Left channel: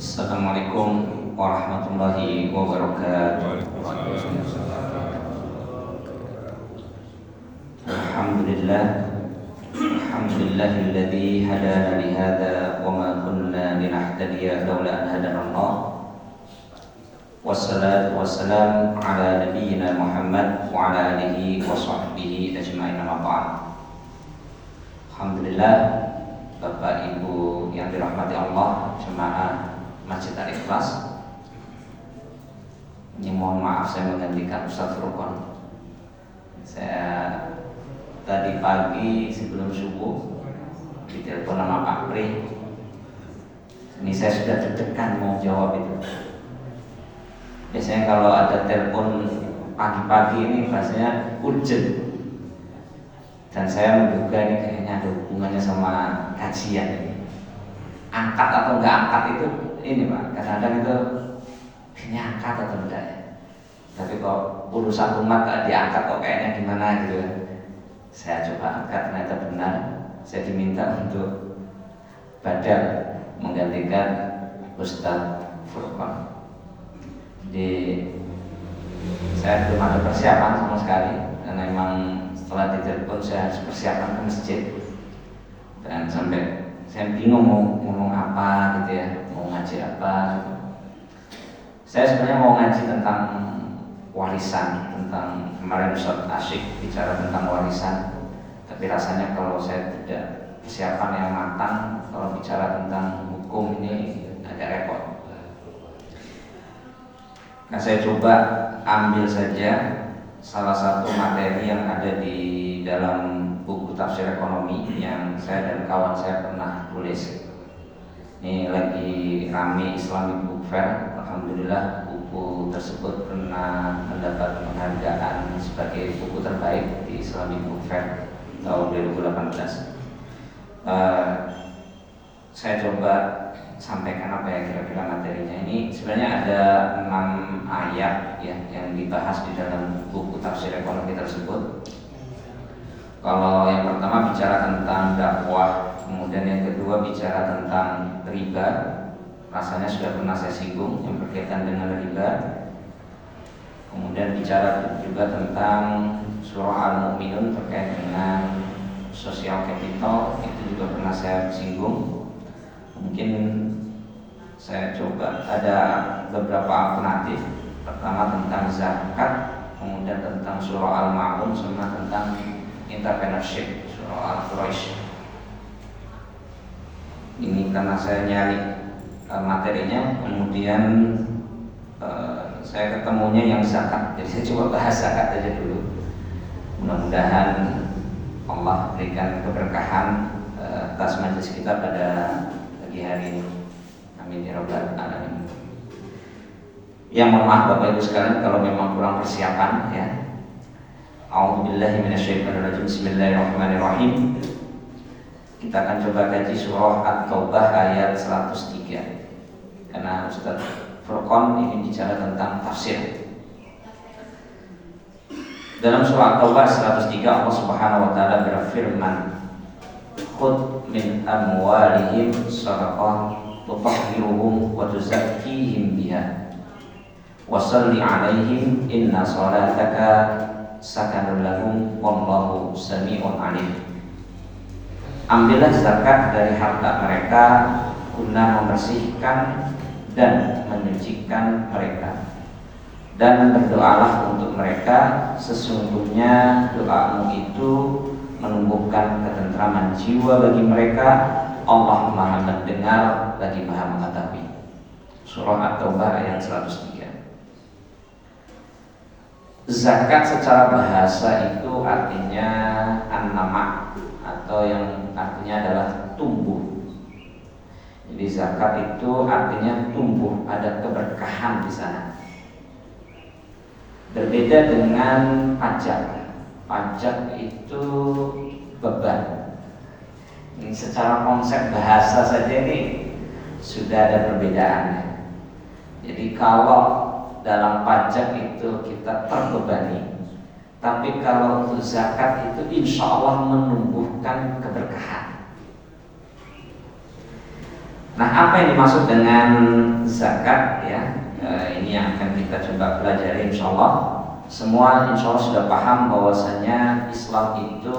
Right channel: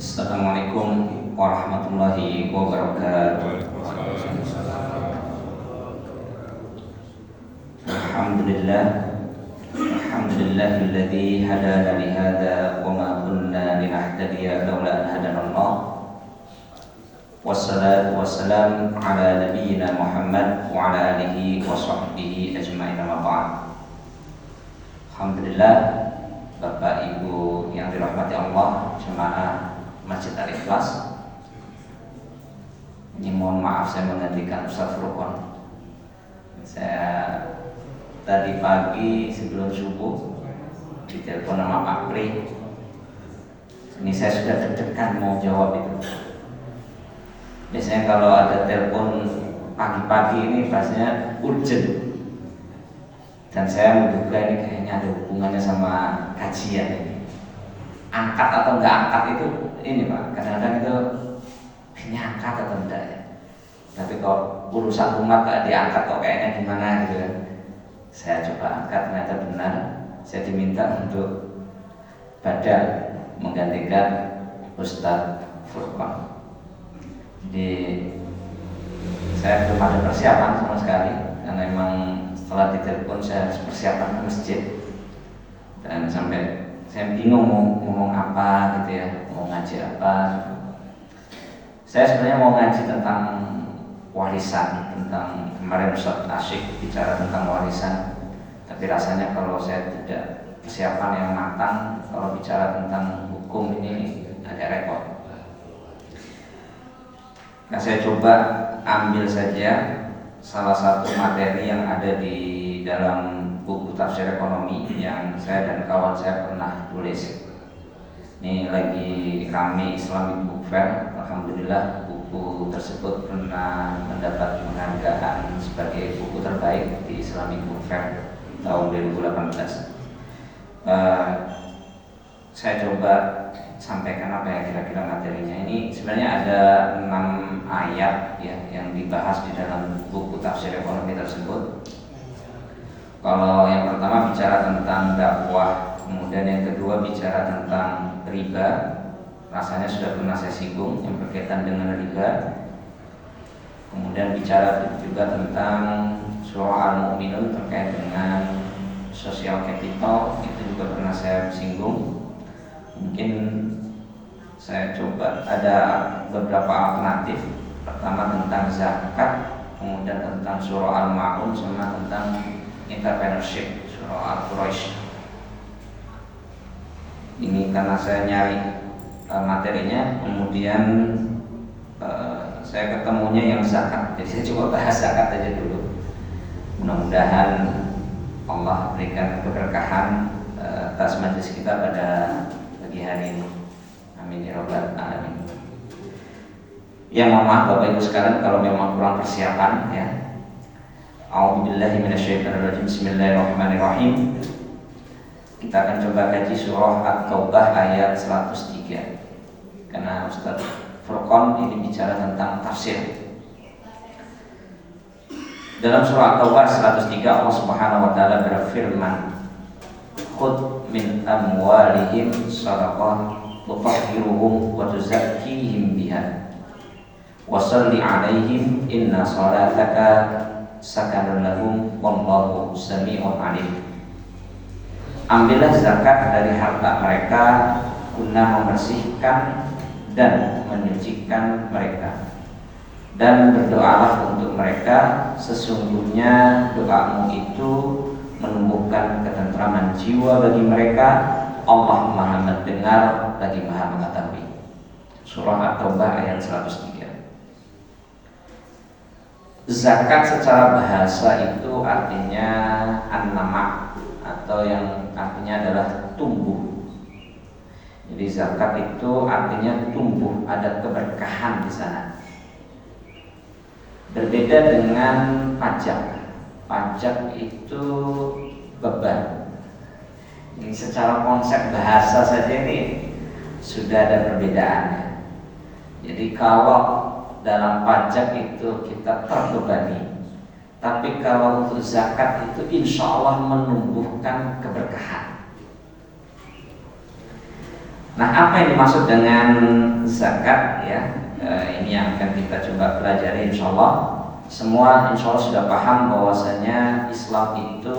Assalamualaikum warahmatullahi wabarakatuh. Alhamdulillah, alhamdulillahilladzi hadana lihada wa ma kunna linahtadiya laula an hadanallah. Wassalatu wassalamu ala nabiyyina Muhammad wa ala alihi wa sahbihi ajma'in wa ba'd. Alhamdulillah, Bapak Ibu yang dirahmati Allah, jemaah Masjid Al-Ikhlas. Ini mohon maaf saya menggantikan Ustaz Furqan. Saya tadi pagi sebelum subuh ditelepon sama Pak Pri. Ini saya sudah deg-degan mau jawab itu. Biasanya kalau ada telepon pagi-pagi ini bahasanya urgent. Dan saya menduga ini kayaknya ada hubungannya sama kajian ini. Angkat atau enggak angkat itu ini Pak, kadang-kadang itu ini angkat atau enggak ya. Tapi kalau urusan umat gak diangkat kok kayaknya gimana gitu kan. Saya coba angkat, ternyata benar. Saya diminta untuk badal menggantikan Ustaz Furqan. Jadi saya belum ada persiapan sama sekali, karena memang setelah ditelepon saya harus persiapan ke masjid. Dan sampai saya bingung mau ngomong apa gitu ya, mau ngaji apa. Saya sebenarnya mau ngaji tentang warisan, tentang kemarin Ustaz Asyik bicara tentang warisan. Tapi rasanya kalau saya tidak persiapan yang matang, kalau bicara tentang hukum ini agak repot. Nah, saya coba ambil saja salah satu materi yang ada di dalam buku tafsir ekonomi yang saya dan kawan saya pernah tulis. Ini lagi rame Islamic Book Fair. Alhamdulillah buku tersebut pernah mendapat penghargaan sebagai buku terbaik di Islamic Book Fair tahun 2018. Saya coba sampaikan apa yang kira-kira materinya. Ini sebenarnya ada 6 ayat ya yang dibahas di dalam buku tafsir ekonomi tersebut. Kalau yang pertama bicara tentang dakwah, kemudian yang kedua bicara tentang riba. Rasanya sudah pernah saya singgung yang berkaitan dengan riba. Kemudian bicara juga tentang surah Al-Mu'minun terkait dengan social capital, itu juga pernah saya singgung. Mungkin saya coba ada beberapa alternatif. Pertama tentang zakat, kemudian tentang surah Al-Ma'un, sama tentang entrepreneurship, surah Al-Quraisy. Ini karena saya nyari materinya, kemudian saya ketemunya yang zakat. Jadi saya coba bahas zakat aja dulu. Mudah-mudahan Allah berikan keberkahan atas majelis kita pada pagi hari ini. Amin ya rabbal alamin. Ya, mohon maaf Bapak Ibu sekalian kalau memang kurang persiapan ya. A'udzubillahi minasyaitonirrajim. Bismillahirrahmanirrahim. Kita akan coba kaji surah At-Taubah ayat 103. Karena Ustaz Furqan ini bicara tentang tafsir. Dalam surah At-Taubah 103 Allah Subhanahu wa taala berfirman, "Khudh min amwalihim shadaqah tutahhiruhum wa tuzakkihim biha wa shalli 'alaihim inna shalataka sakanun lahum wallahu sami'un 'alim." Ambillah zakat dari harta mereka guna membersihkan dan menyucikan mereka, dan berdoalah untuk mereka, sesungguhnya doamu itu menumbuhkan ketentraman jiwa bagi mereka. Allah Maha mendengar lagi Maha mengetahui. Surah At-Taubah ayat 103. Zakat secara bahasa itu artinya an-nama, atau yang artinya adalah tumbuh. Jadi zakat itu artinya tumbuh, ada keberkahan di sana. Berbeda dengan pajak. Pajak itu beban. Ini secara konsep bahasa saja ini sudah ada perbedaannya. Jadi kalau dalam pajak itu kita terbebani, tapi kalau untuk zakat itu insya Allah menumbuhkan keberkahan. Nah, apa yang dimaksud dengan zakat ya? Ini yang akan kita coba pelajari insya Allah. Semua insya Allah sudah paham bahwasanya Islam itu,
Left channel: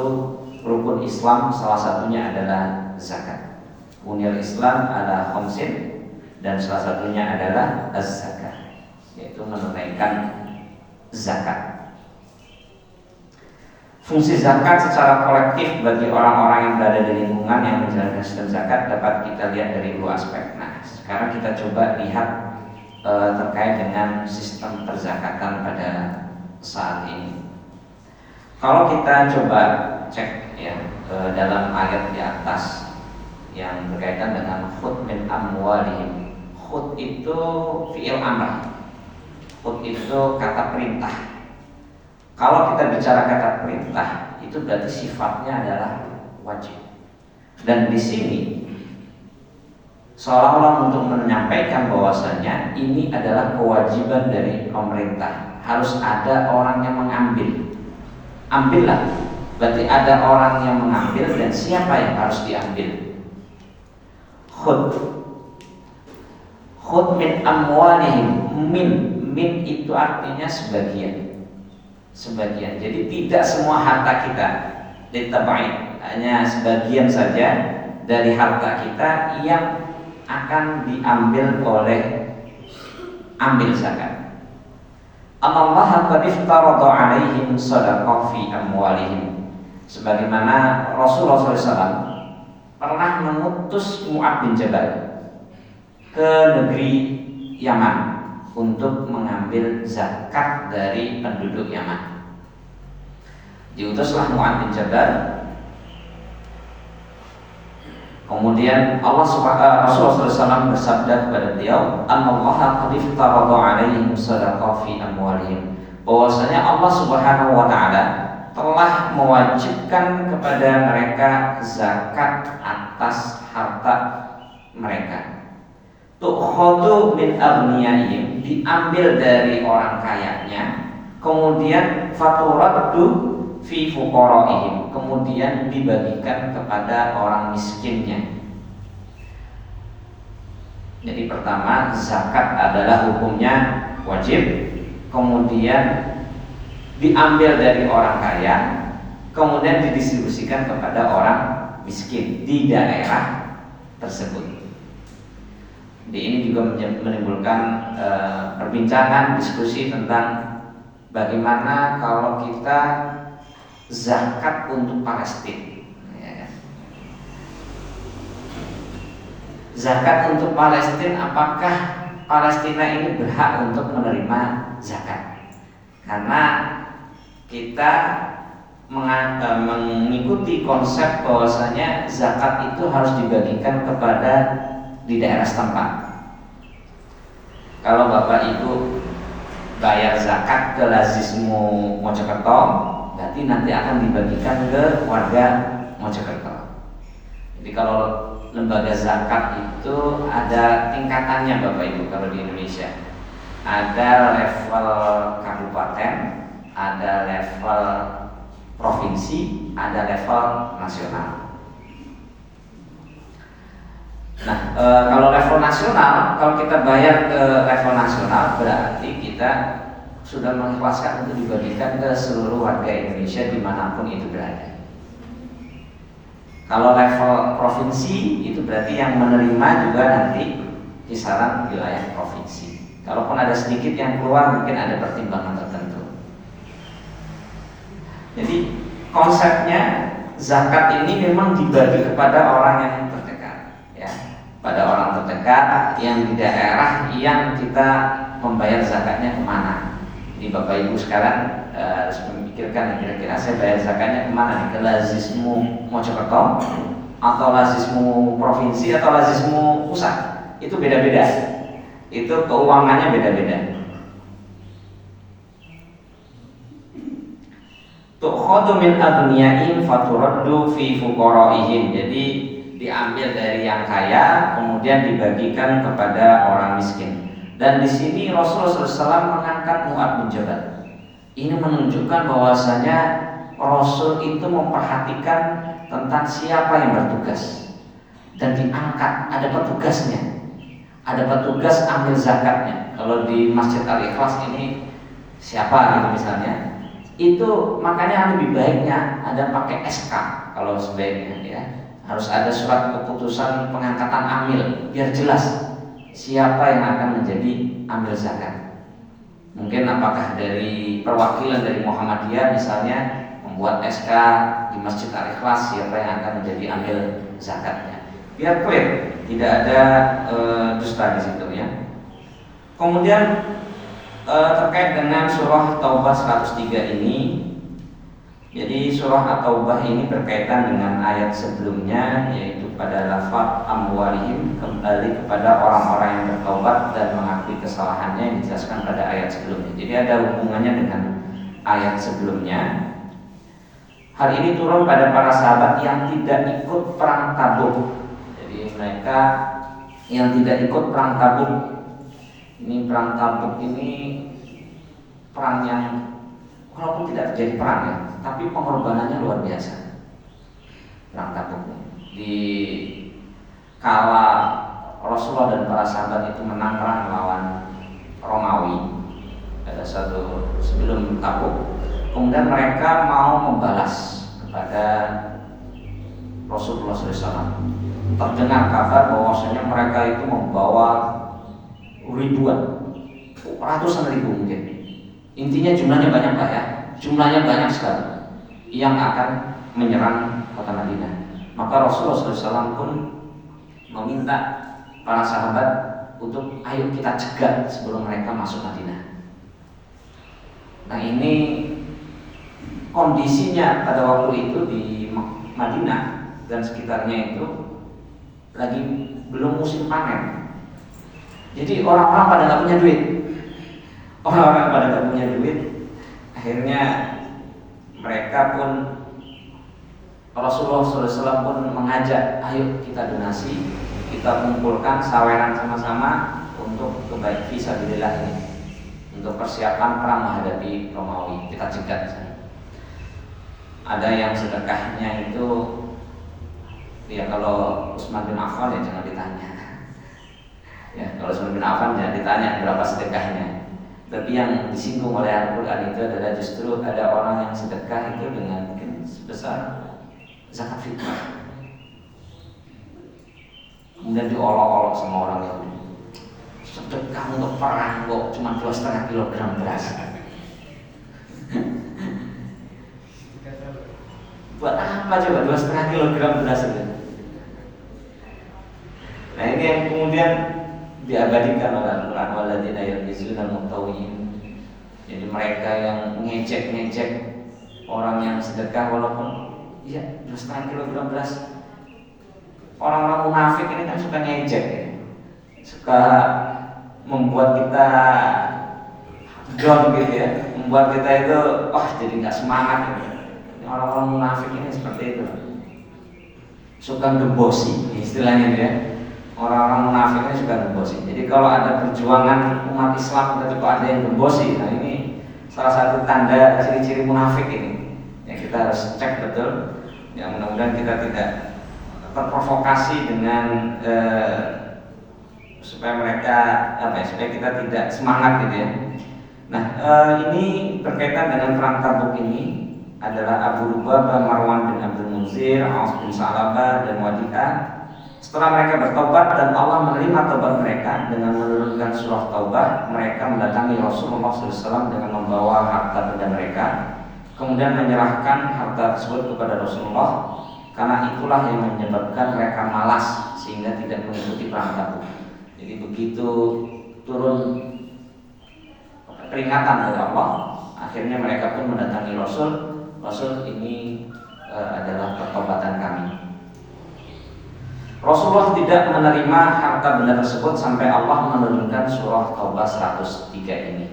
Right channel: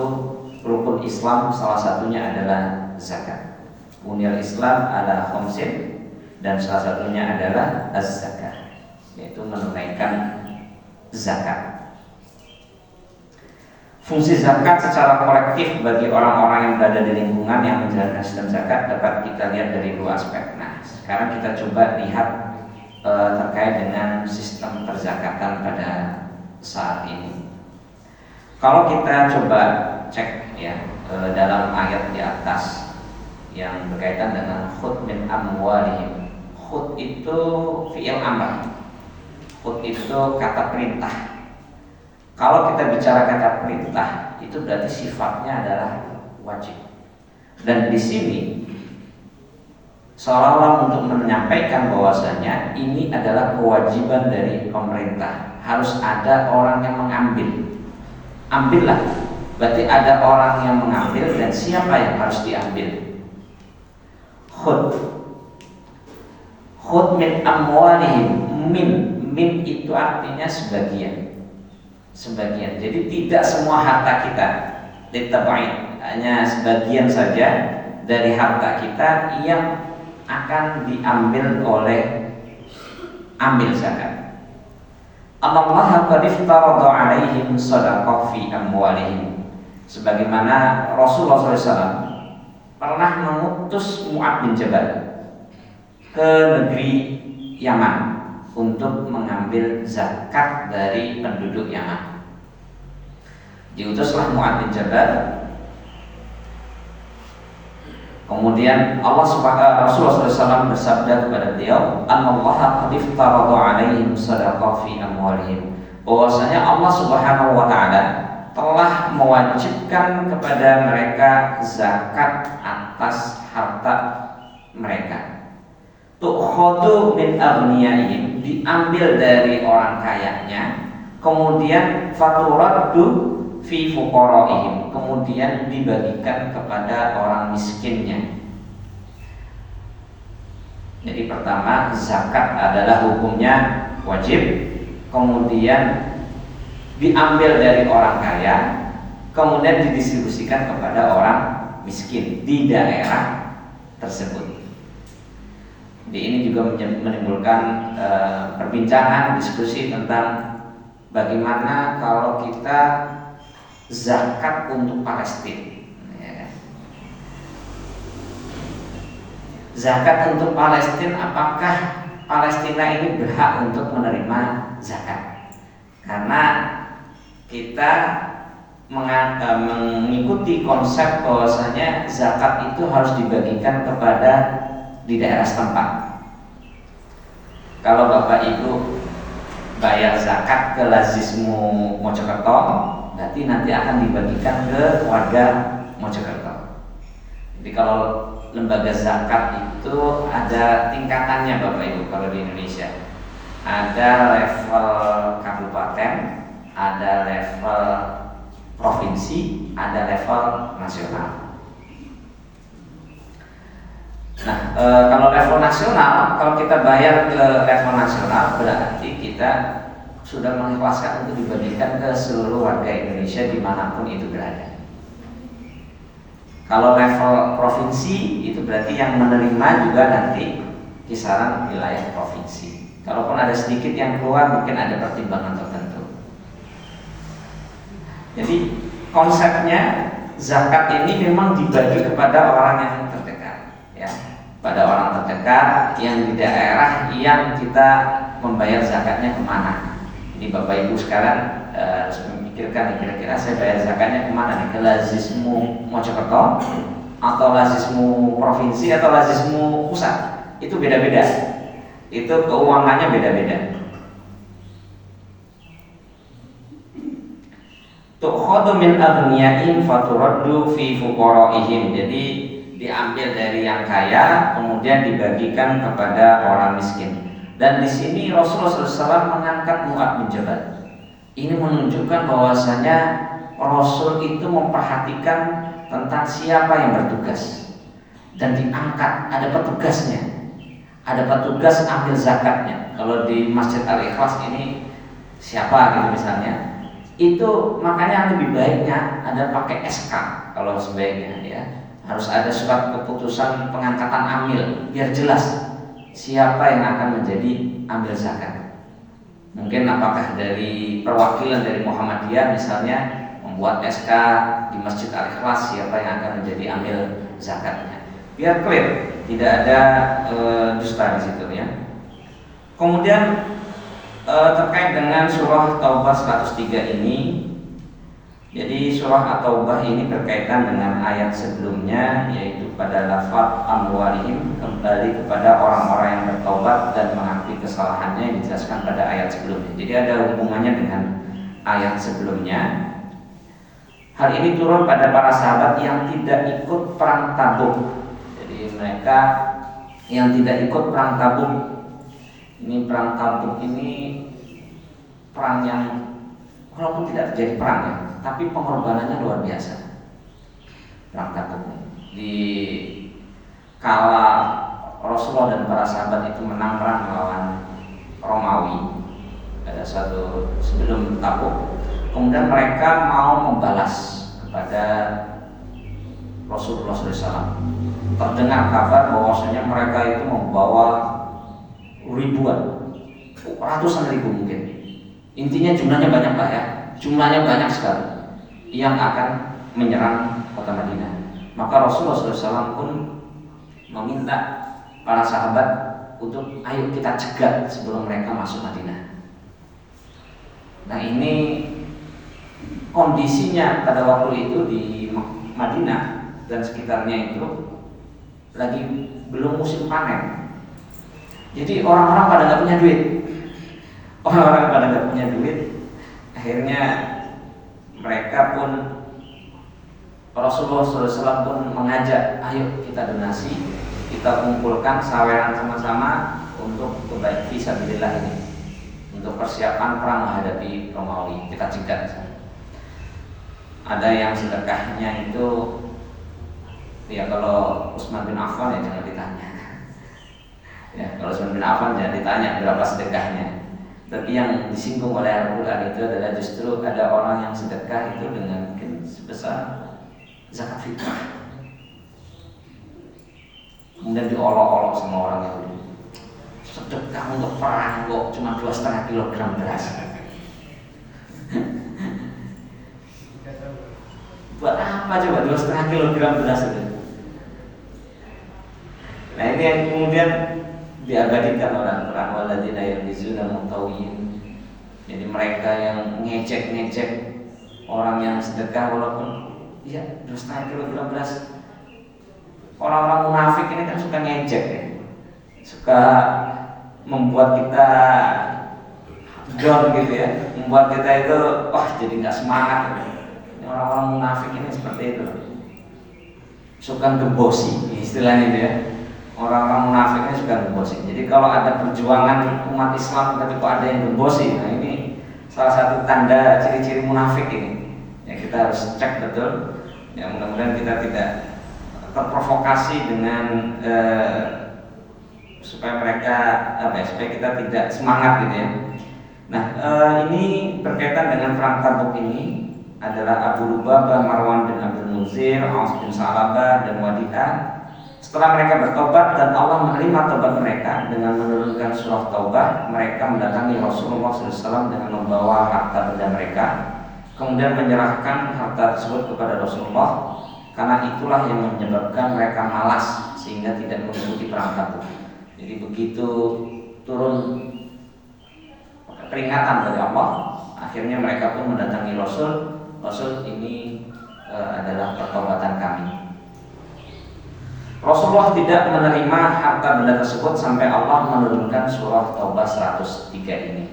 rukun Islam salah satunya adalah zakat. Buniyal Islam ala khamsin, dan salah satunya adalah az-zakat, yaitu menunaikan zakat. Fungsi zakat secara kolektif bagi orang-orang yang berada di lingkungan yang menjalankan sistem zakat dapat kita lihat dari dua aspek. Nah, sekarang kita coba lihat terkait dengan sistem perzakatan pada saat ini. Kalau kita coba cek ya dalam ayat di atas yang berkaitan dengan khudh min amwalihim. Khudh itu fi'il amr. Khudh itu kata perintah. Kalau kita bicara kata perintah, itu berarti sifatnya adalah wajib. Dan di sini seolah-olah untuk menyampaikan bahwasanya ini adalah kewajiban dari pemerintah. Harus ada orang yang mengambil. Ambillah. Berarti ada orang yang mengambil, dan siapa yang harus diambil? Khudh. Khudh min amwalihim. Min itu artinya sebagian. Sebagian. Jadi tidak semua harta kita ditabai, hanya sebagian saja dari harta kita yang akan diambil oleh ambil zakat. Allah qad iftarada 'alaihim shadaqah fi amwalihim. Sebagaimana Rasulullah SAW pernah mengutus Mu'adz bin Jabal ke negeri Yaman untuk mengambil zakat dari penduduk Yaman. Diutuslah Mu'adz bin Jabal. Kemudian Rasulullah SAW bersabda kepada beliau, "Allaha qad iftarada 'alaihim shadaqah fi amwalihim." Bahwasanya Allah Subhanahu wa taala telah mewajibkan kepada mereka zakat atas harta mereka. Tukhadu min aghniyahim, diambil dari orang kayanya, kemudian faturaddu fi fuqaraihim, kemudian dibagikan kepada orang miskinnya. Jadi pertama, zakat adalah hukumnya wajib, kemudian diambil dari orang kaya, kemudian didistribusikan kepada orang miskin di daerah tersebut. Di ini juga menimbulkan perbincangan, diskusi tentang bagaimana kalau kita zakat untuk Palestina. Ya. Zakat untuk Palestina, apakah Palestina ini berhak untuk menerima zakat? Karena kita mengikuti konsep bahwasanya zakat itu harus dibagikan kepada di daerah setempat. Kalau Bapak Ibu bayar zakat ke Lazismu Mojokerto, berarti nanti akan dibagikan ke warga Mojokerto. Jadi kalau lembaga zakat itu ada tingkatannya Bapak Ibu. Kalau di Indonesia ada level kabupaten, ada level provinsi, ada level nasional. Nah, kalau level nasional, kalau kita bayar ke level nasional, berarti kita sudah mengikhlaskan untuk dibagikan ke seluruh warga Indonesia dimanapun itu berada. Kalau level provinsi, itu berarti yang menerima juga nanti kisaran wilayah provinsi. Kalaupun ada sedikit yang keluar, mungkin ada pertimbangan tertentu. Jadi konsepnya zakat ini memang dibagi kepada orang yang terdekat, ya, pada orang terdekat yang di daerah yang kita membayar zakatnya kemana. Ini Bapak Ibu sekarang harus memikirkan kira-kira saya bayar zakatnya kemana nih? Ke Lazismu Mojokerto atau Lazismu provinsi atau Lazismu pusat? Itu beda-beda. Itu keuangannya beda-beda. Tukhadu min aghniyahim faturaddu fi fuqaraihim. Jadi diambil dari yang kaya kemudian dibagikan kepada orang miskin. Dan di sini Rasulullah SAW mengangkat Mu'adz bin Jabal. Ini menunjukkan bahwasanya Rasul itu memperhatikan tentang siapa yang bertugas dan diangkat, ada petugasnya, ada petugas ambil zakatnya. Kalau di Masjid Al-Ikhlas ini siapa gitu misalnya, itu makanya lebih baiknya ada pakai SK kalau sebaiknya ya. Harus ada surat keputusan pengangkatan amil biar jelas siapa yang akan menjadi amil zakat. Mungkin apakah dari perwakilan dari Muhammadiyah misalnya membuat SK di Masjid Al-Ikhlas siapa yang akan menjadi amil zakatnya. Biar clear, tidak ada dusta di situ ya. Kemudian terkait dengan surah Taubah 103 ini, jadi surah At-Taubah ini berkaitan dengan ayat sebelumnya, yaitu pada lafaz amwalihim, kembali kepada orang-orang yang bertobat dan mengakui kesalahannya yang dijelaskan pada ayat sebelumnya. Jadi ada hubungannya dengan ayat sebelumnya. Hal ini turun pada para sahabat yang tidak ikut perang Tabuk. Jadi mereka yang tidak ikut perang Tabuk. Ini perang Tabuk ini perang yang walaupun tidak terjadi perang ya, tapi pengorbanannya luar biasa. Perang Tabuk di kala Rasulullah dan para sahabat itu menang perang melawan Romawi pada satu sebelum Tabuk. Kemudian mereka mau membalas kepada Rasulullah SAW. Terdengar kabar bahwasanya mereka itu membawa ribuan, ratusan ribu mungkin. Intinya jumlahnya banyak lah ya, jumlahnya banyak sekali yang akan menyerang kota Madinah. Maka Rasulullah SAW pun meminta para sahabat untuk ayo kita cegat sebelum mereka masuk Madinah. Nah ini kondisinya pada waktu itu di Madinah dan sekitarnya itu lagi belum musim panen. Jadi orang-orang pada nggak punya duit. Orang-orang pada nggak punya duit. Akhirnya mereka pun Rasulullah SAW pun mengajak, ayo kita donasi, kita kumpulkan saweran sama-sama untuk kebaikan fisabilillah ini, untuk persiapan perang menghadapi Romawi. Kita cegat. Ada yang sedekahnya itu, ya kalau Utsman bin Affan ya jangan ditanya. Ya kalau Utsman bin Affan jangan ditanya berapa sedekahnya. Tapi yang disinggung oleh Al-Quran itu adalah justru ada orang yang sedekah itu dengan mungkin sebesar zakat fitrah. Kemudian diolok-olok sama orang Yahudi. Sedekah untuk perang kok cuma 2,5 kilogram beras. Buat apa coba 2,5 kilogram beras itu? Nah ini yang kemudian diabadikan oleh Al-Quran, walladzina yalmizuna al-mutawwi'in. Jadi mereka yang ngecek orang yang sedekah walaupun ya 2,5 kilogram beras. Orang-orang munafik ini kan suka ngejek ya. Suka membuat kita down gitu ya, membuat kita itu wah jadi nggak semangat gitu. Orang-orang munafik ini seperti itu, suka gembosi istilahnya itu ya. Orang-orang munafik ini suka gembosi. Jadi kalau ada perjuangan umat Islam tapi kok ada yang gembosi, nah ini salah satu tanda ciri-ciri munafik ini. Ya kita harus cek betul. Ya mudah-mudahan kita tidak terprovokasi dengan supaya mereka supaya kita tidak semangat gitu ya. Nah ini berkaitan dengan perang Tabuk ini adalah Abu Lubabah, Marwan bin Abdul Munzir, Aus bin Salabah dan Wadi'ah. Setelah mereka bertobat dan Allah menerima tobat mereka dengan menurunkan surah Taubah, mereka mendatangi Rasulullah SAW dengan membawa harta benda mereka, kemudian menyerahkan harta tersebut kepada Rasulullah. Karena itulah yang menyebabkan mereka malas sehingga tidak mengikuti perang Tabuk. Jadi begitu turun peringatan dari Allah, akhirnya mereka pun mendatangi Rasul. Rasul ini adalah pertobatan kami. Rasulullah tidak menerima harta benda tersebut sampai Allah menurunkan surah Taubah 103 ini.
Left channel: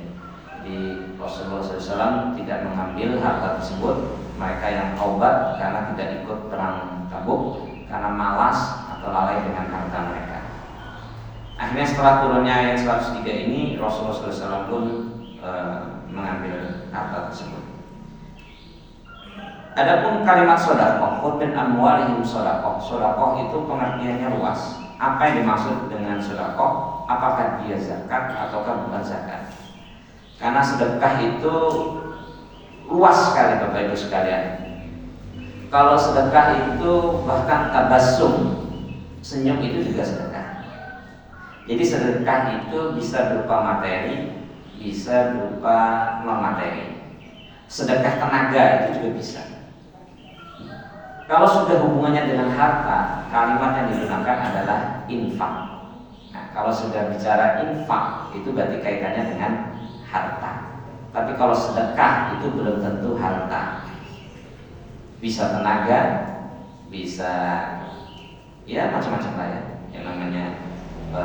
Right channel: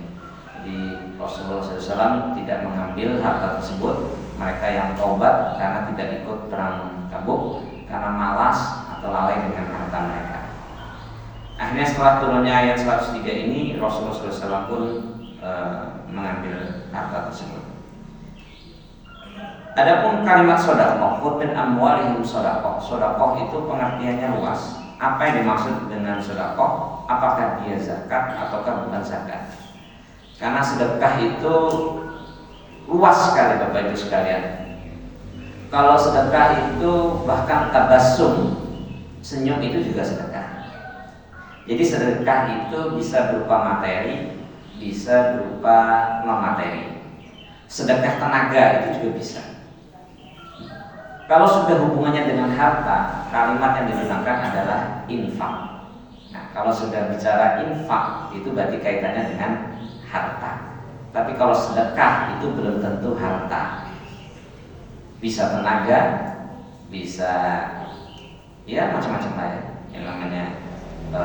Jadi Rasulullah SAW tidak mengambil harta tersebut. Mereka yang taubat karena tidak ikut perang Tabuk, karena malas atau lalai dengan harta mereka. Akhirnya setelah turunnya ayat 103 ini, Rasulullah SAW pun mengambil harta tersebut. Adapun kalimat sedekah, khudh min amwalihim sedekah. Sedekah itu pengertiannya luas. Apa yang dimaksud dengan sedekah? Apakah dia zakat ataukah bukan zakat? Karena sedekah itu luas sekali Bapak Ibu sekalian. Kalau sedekah itu bahkan tabassum, senyum itu juga sedekah. Jadi sedekah itu bisa berupa materi, bisa berupa non materi. Sedekah tenaga itu juga bisa. Kalau sudah hubungannya dengan harta, kalimat yang digunakan adalah infak. Nah, kalau sudah bicara infak, itu berarti kaitannya dengan harta. Tapi kalau sedekah itu belum tentu harta. Bisa tenaga, bisa ya macam-macam lah ya yang namanya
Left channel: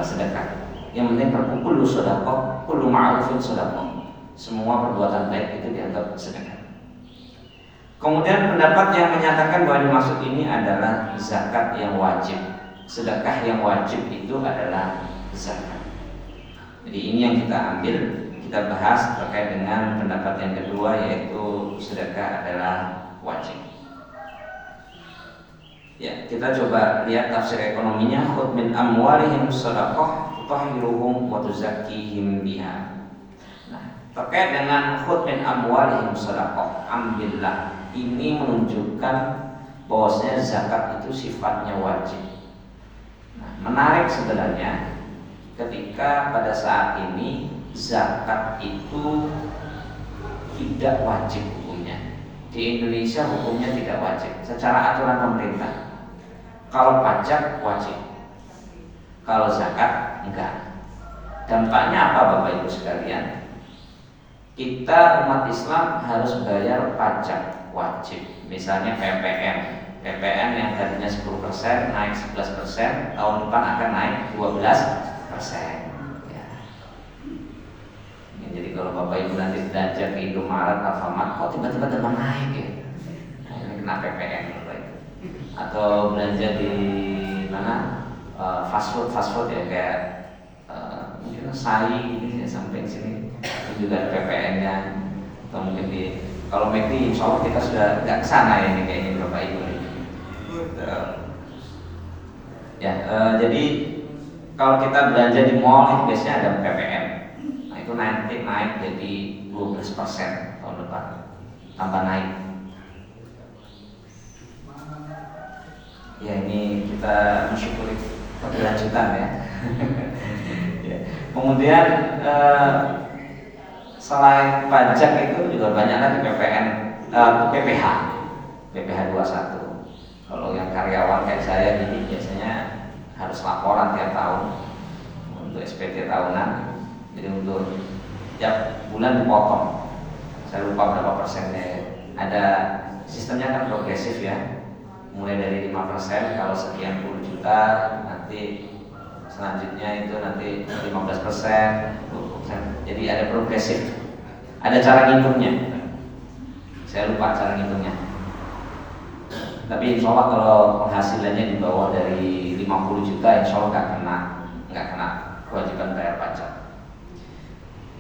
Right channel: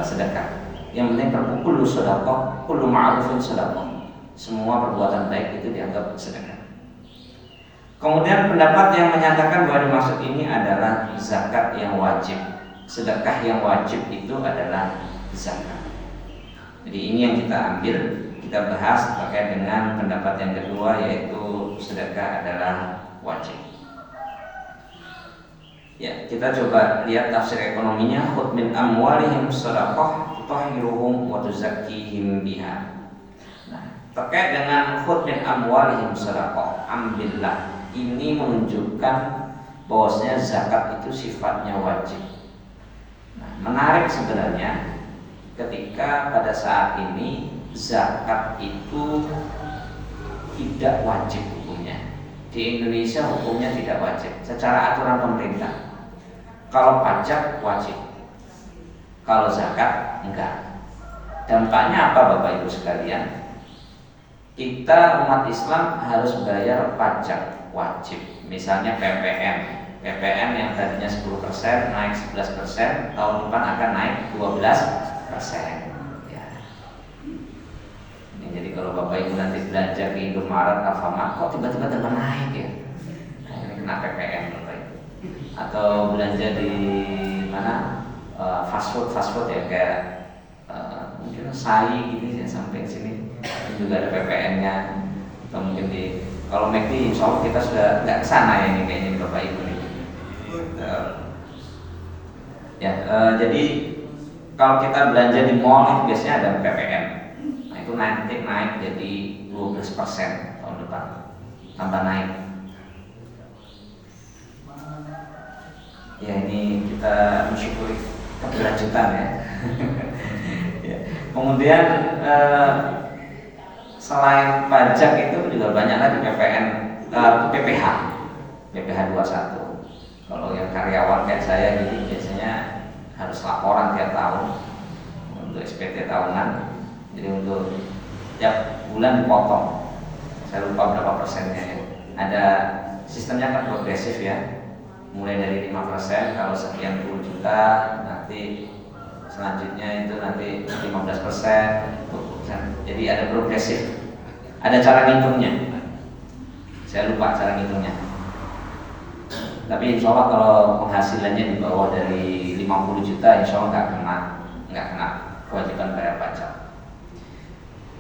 sedekah. Yang penting berkumpul sedekah, kullu ma'rufin sedekah. Semua perbuatan baik itu dianggap sedekah. Kemudian pendapat yang menyatakan bahwa dimaksud ini adalah zakat yang wajib. Sedekah yang wajib itu adalah zakat. Jadi ini yang kita ambil, kita bahas terkait dengan pendapat yang kedua, yaitu sedekah adalah wajib. Ya, kita coba lihat tafsir ekonominya. Khudh min amwalihim shadaqah tutahhiruhum wa tuzakkihim biha. Nah, terkait dengan khudh min amwalihim shadaqah, ambillah, ini menunjukkan bahwasanya zakat itu sifatnya wajib. Nah, menarik sebenarnya ketika pada saat ini zakat itu tidak wajib hukumnya. Di Indonesia hukumnya tidak wajib secara aturan pemerintah. Kalau pajak wajib, kalau zakat enggak. Dampaknya apa Bapak Ibu sekalian? Kita umat Islam harus bayar pajak wajib. Misalnya PPN yang tadinya 10% naik 11%, tahun depan akan naik 12%. Ya. Jadi kalau Bapak Ibu nanti belanja ke Indomaret, Alfamart, kok tiba-tiba dengan naik ya? Nah, ini kena PPN Bapak Ibu. Atau belanja di mana? Fast food ya, kayak mungkin SAI gitu ya, sampai sini itu juga ada PPN-nya. Atau mungkin di kalau McD, insya Allah kita sudah nggak kesana ini kayaknya Bapak Ibu ini. Jadi kalau kita belanja di mall itu biasanya ada PPN. Nah itu nanti naik jadi 12% tahun depan, tambah naik. Ya ini kita mensyukuri keberlanjutan ya. Kemudian selain pajak itu juga banyak lagi PPN, PPH 21. Kalau yang karyawan kayak saya jadi biasanya harus laporan tiap tahun untuk SPT tahunan. Jadi untuk tiap bulan dipotong. Saya lupa berapa persennya ya. Ada sistemnya kan progresif ya. Mulai dari 5%, kalau sekian puluh juta nanti selanjutnya itu nanti 15%. Jadi ada progresif, ada cara ngitungnya. Saya lupa cara ngitungnya. Tapi insya Allah kalau penghasilannya di bawah dari 50 juta, insya Allah nggak kena kewajiban bayar pajak.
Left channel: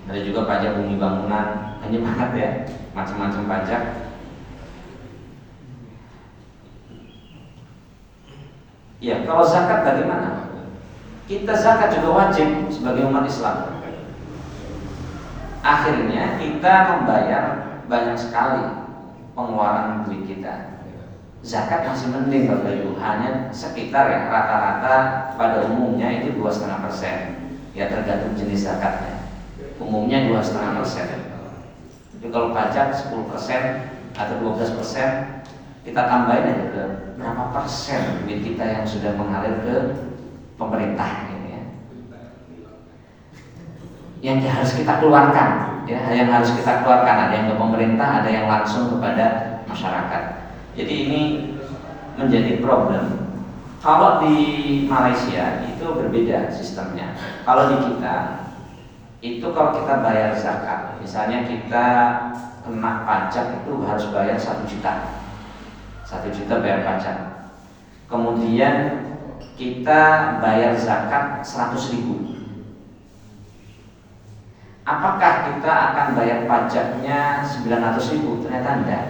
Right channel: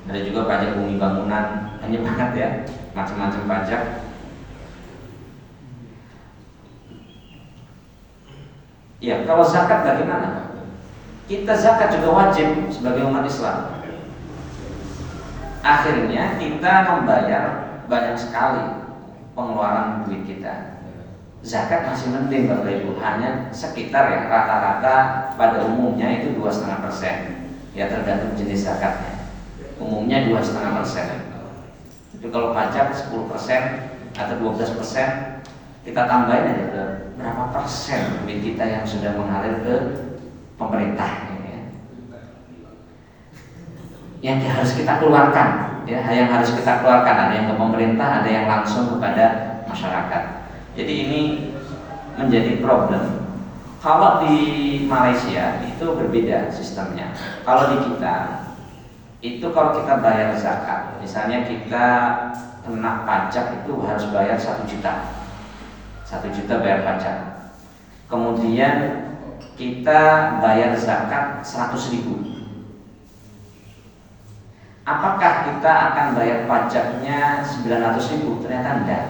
Ada juga pajak bumi bangunan, banyak banget ya, macam-macam pajak. Ya, kalau zakat bagaimana? Kita zakat juga wajib sebagai umat Islam. Akhirnya kita membayar banyak sekali pengeluaran duit kita. Zakat masih mending Bapak Ibu, hanya sekitar ya rata-rata pada umumnya itu 2,5%. Ya tergantung jenis zakatnya. Umumnya 2,5%. Tapi kalau pajak 10% atau 12%, kita tambahin aja ke berapa persen duit kita yang sudah mengalir ke pemerintah ini ya. Yang harus kita keluarkan, ya, yang harus kita keluarkan, ada yang ke pemerintah, ada yang langsung kepada masyarakat. Jadi ini menjadi problem. Kalau di Malaysia itu berbeda sistemnya. Kalau di kita itu kalau kita bayar zakat, misalnya kita kena pajak itu harus bayar 1 juta. 1 juta bayar pajak. Kemudian kita bayar zakat 100.000. Apakah kita akan bayar pajaknya 900.000? Ternyata enggak.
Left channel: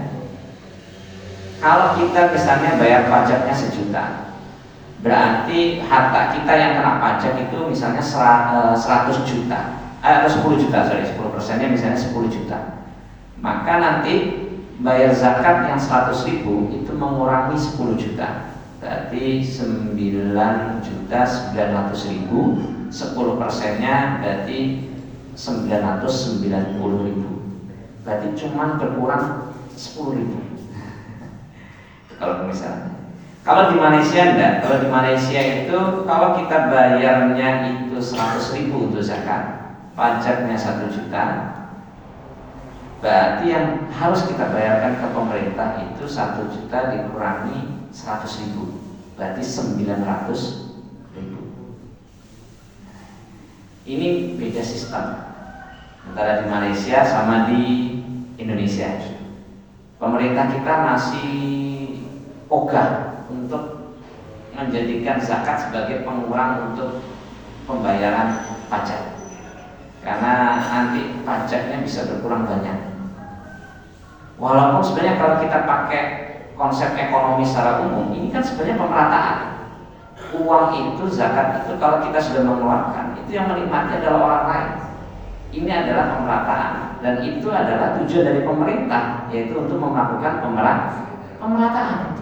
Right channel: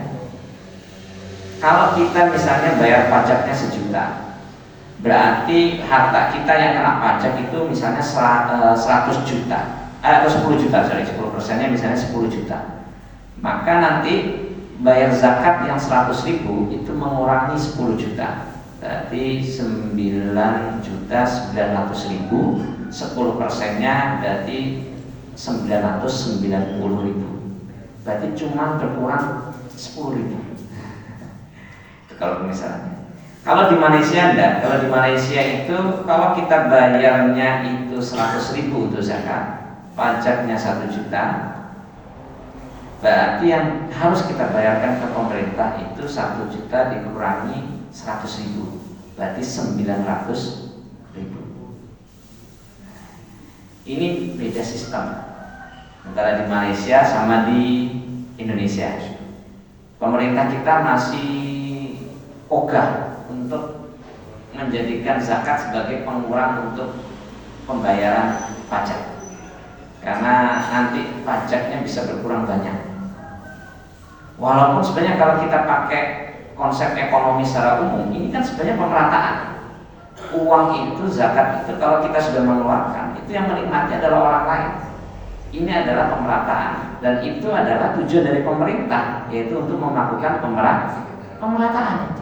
Kalau kita misalnya bayar pajaknya 1 juta, berarti harta kita yang kena pajak itu misalnya 100 juta, atau 10 juta, sorry, 10%-nya misalnya 10 juta. Maka nanti bayar zakat yang 100.000 itu mengurangi 10 juta. Berarti 9.900.000, 10%-nya berarti 990.000. Berarti cuma berkurang 10.000. Kalau misalnya, kalau di Malaysia enggak. Kalau di Malaysia itu kalau kita bayarnya itu 100.000 untuk zakat, pajaknya 1 juta, berarti yang harus kita bayarkan ke pemerintah itu 1 juta dikurangi 100.000, berarti 900.000. Ini beda sistem antara di Malaysia sama di Indonesia. Pemerintah kita masih ogah untuk menjadikan zakat sebagai pengurang untuk pembayaran pajak, karena nanti pajaknya bisa berkurang banyak. Walaupun sebenarnya kalau kita pakai konsep ekonomi secara umum, ini kan sebenarnya pemerataan. Uang itu, zakat itu kalau kita sudah mengeluarkan, itu yang menikmati adalah orang lain. Ini adalah pemerataan, dan itu adalah tujuan dari pemerintah, yaitu untuk melakukan pemerataan.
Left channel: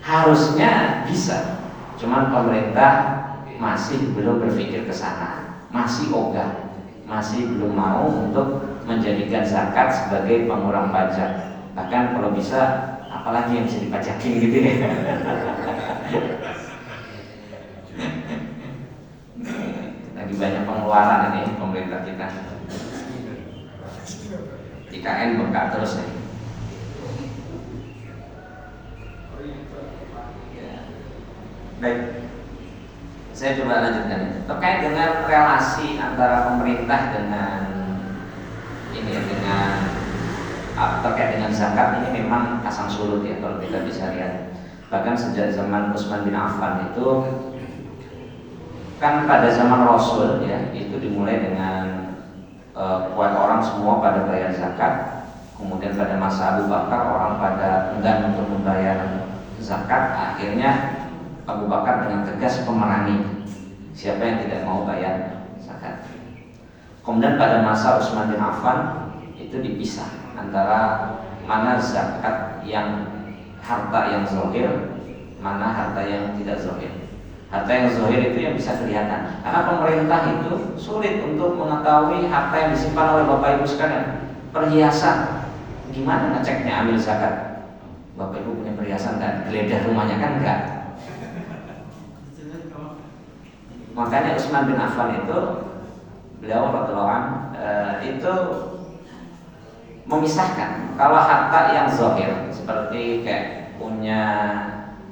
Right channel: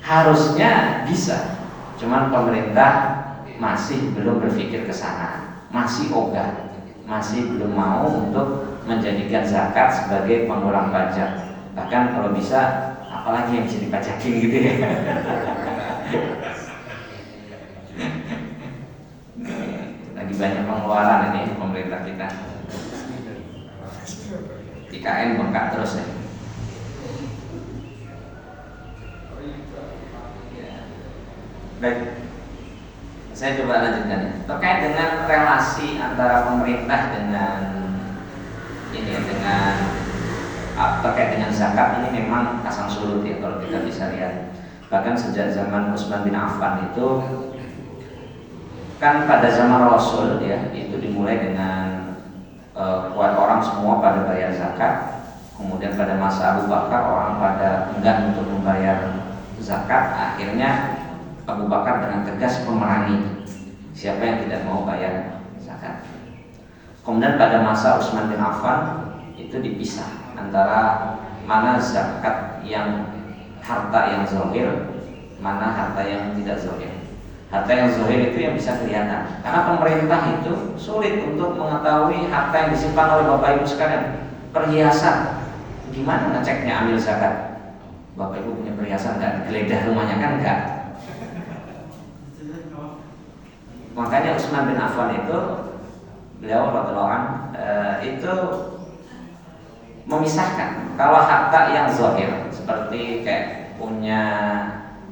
Harusnya bisa, cuman pemerintah masih belum berpikir ke sana, masih ogah, masih belum mau untuk menjadikan zakat sebagai pengurang pajak. Bahkan kalau bisa, apalagi yang bisa dipajakin gitu ya. Lagi banyak pengeluaran ini pemerintah kita. IKN bengkak terus ya. Baik, saya coba lanjutkan ya. Terkait dengan relasi antara pemerintah dengan terkait dengan zakat, ini memang pasang surut ya kalau kita bisa lihat. Bahkan sejak zaman Utsman bin Affan itu, kan pada zaman Rasul ya, itu dimulai dengan orang semua pada bayar zakat. Kemudian pada masa Abu Bakar orang pada enggan untuk membayar zakat. Akhirnya Abu Bakar dengan tegas memerangi siapa yang tidak mau bayar zakat. Kemudian pada masa Utsman bin Affan itu dipisah antara mana zakat yang harta yang zahir, mana harta yang tidak zahir. Harta yang zahir itu yang bisa kelihatan, karena pemerintah itu sulit untuk mengetahui harta yang disimpan oleh Bapak Ibu sekalian. Perhiasan, gimana ngeceknya ambil zakat? Bapak Ibu punya perhiasan dan geledah rumahnya kan enggak? Makanya Utsman bin Affan itu, beliau radhiyallahu anhu itu memisahkan kalau harta yang zahir seperti kayak punya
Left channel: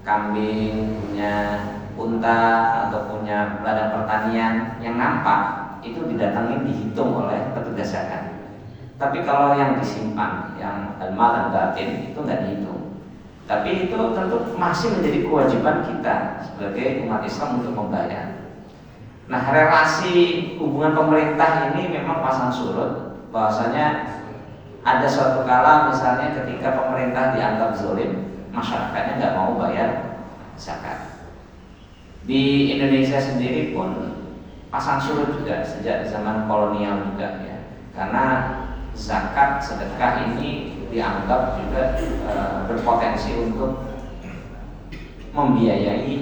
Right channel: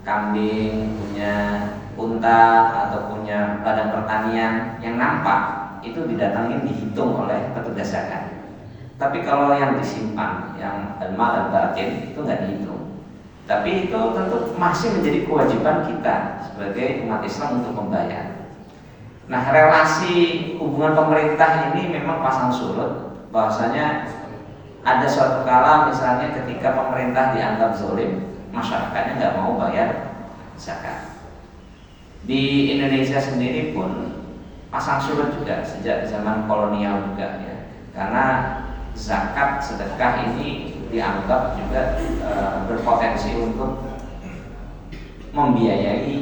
kambing, punya unta atau punya ladang pertanian yang nampak, itu didatangin dihitung oleh petugas zakat. Tapi kalau yang disimpan, yang al-mal al-batin, itu nggak dihitung. Tapi itu tentu masih menjadi kewajiban kita sebagai umat Islam untuk membayar. Nah, relasi hubungan pemerintah ini memang pasang surut. Bahwasanya ada suatu kala misalnya ketika pemerintah dianggap zalim, masyarakatnya nggak mau bayar zakat. Di Indonesia sendiri pun pasang surut juga sejak zaman kolonial juga ya. Karena zakat sedekah ini dianggap juga berpotensi untuk membiayai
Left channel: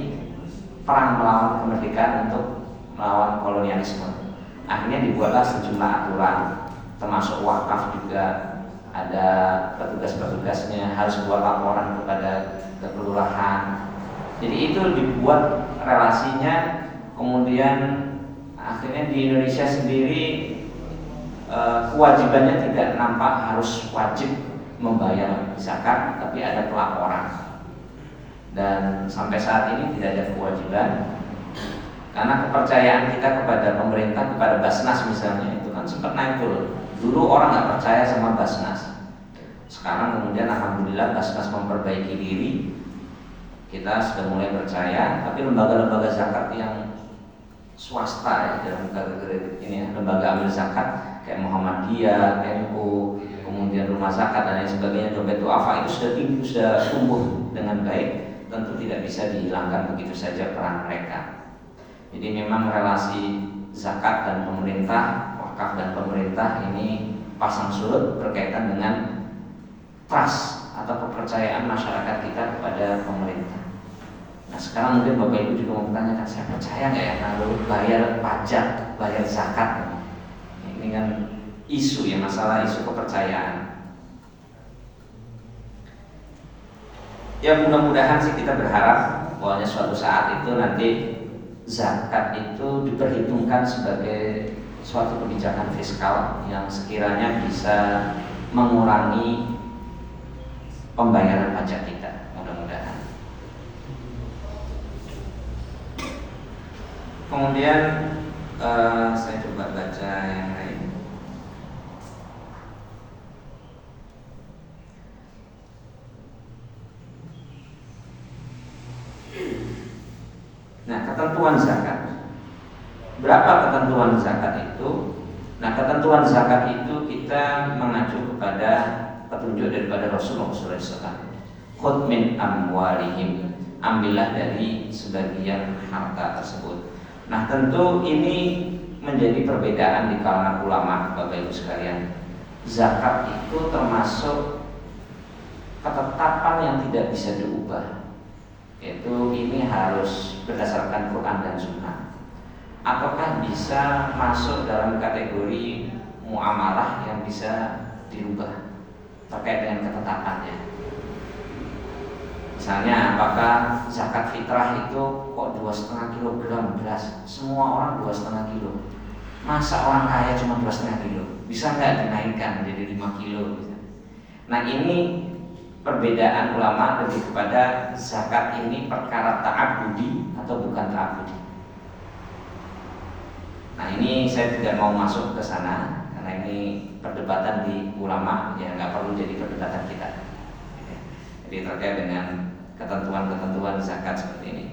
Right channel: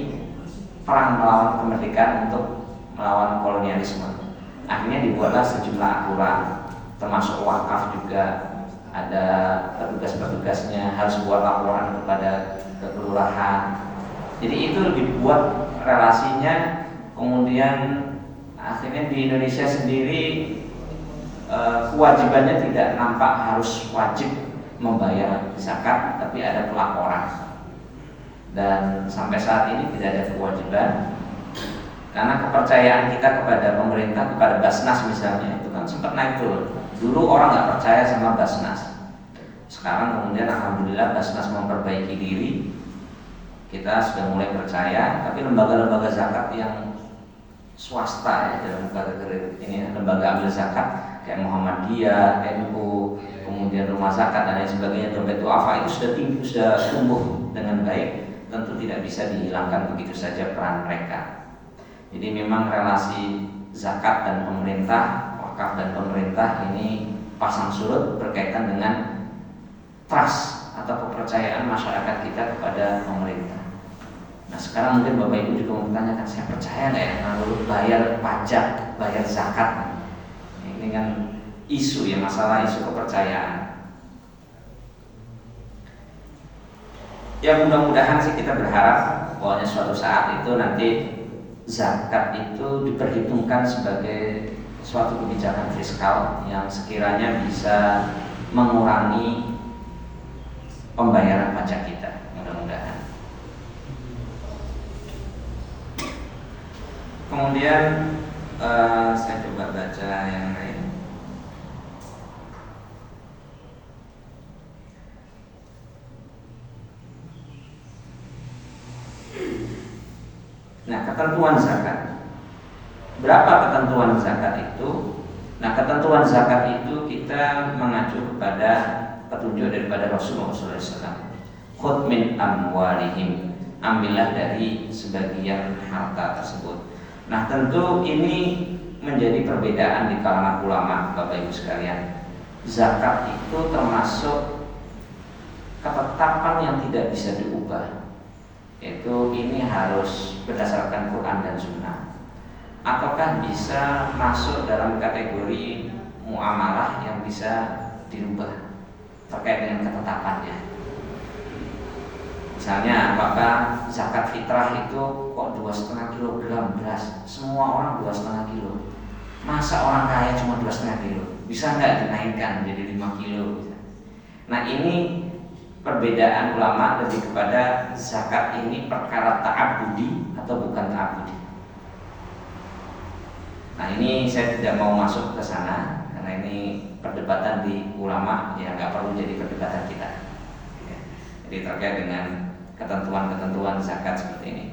perang melawan kemerdekaan untuk melawan kolonialisme. Akhirnya dibuatlah sejumlah aturan, termasuk wakaf juga ada petugas-petugasnya harus buat laporan kepada kelurahan. Jadi itu dibuat relasinya. Kemudian akhirnya di Indonesia sendiri kewajibannya tidak nampak harus wajib membayar zakat, tapi ada pelaporan. Dan sampai saat ini tidak ada kewajiban. Karena kepercayaan kita kepada pemerintah, kepada Basnas misalnya, itu kan sempat naik turun. Dulu orang nggak percaya sama Basnas. Sekarang kemudian alhamdulillah Basnas memperbaiki diri. Kita sudah mulai percaya. Tapi lembaga-lembaga zakat yang swasta ya, dalam lembaga ini lembaga ambil zakat kayak Muhammadiyah, NU, kemudian rumah zakat dan lain sebagainya, dompet duafa itu sudah tinggi, sudah tumbuh dengan baik, tentu tidak bisa dihilangkan begitu saja peran mereka. Jadi memang relasi zakat dan pemerintah, wakaf dan pemerintah ini pasang surut berkaitan dengan trust atau kepercayaan masyarakat kita kepada pemerintah. Nah sekarang mungkin Bapak Ibu juga mempertanyakan, saya percaya nggak ya kalau bayar pajak, bayar zakat? Ini kan isu ya, masalah isu kepercayaan. Ya mudah-mudahan sih kita berharap bahwa suatu saat itu nanti zakat itu diperhitungkan sebagai suatu kebijakan fiskal yang sekiranya bisa mengurangi pembayaran pajak kita, mudah-mudahan. Kemudian saya coba baca yang lain. Nah, ketentuan zakat. Berapa ketentuan zakat itu? Nah, ketentuan zakat itu kita mengacu kepada petunjuk daripada Rasulullah SAW. Khudh min amwalihim, ambillah dari sebagian harta tersebut. Nah, tentu ini menjadi perbedaan di kalangan ulama, Bapak Ibu sekalian. Zakat itu termasuk ketetapan yang tidak bisa diubah. Yaitu ini harus berdasarkan Quran dan Sunnah. Ataukah bisa masuk dalam kategori muamalah yang bisa dirubah terkait dengan ketetapannya. Misalnya apakah zakat fitrah itu kok 2,5 kilogram beras, semua orang 2,5 kilo. Masa orang kaya cuma 2,5 kilo? Bisa nggak dinaikkan menjadi 5 kilo? Nah ini perbedaan ulama lebih kepada zakat ini perkara ta'abudi atau bukan ta'abudi. Nah ini saya tidak mau masuk ke sana karena ini perdebatan di ulama yang nggak perlu jadi perdebatan kita. Jadi terkait dengan ketentuan-ketentuan zakat seperti ini.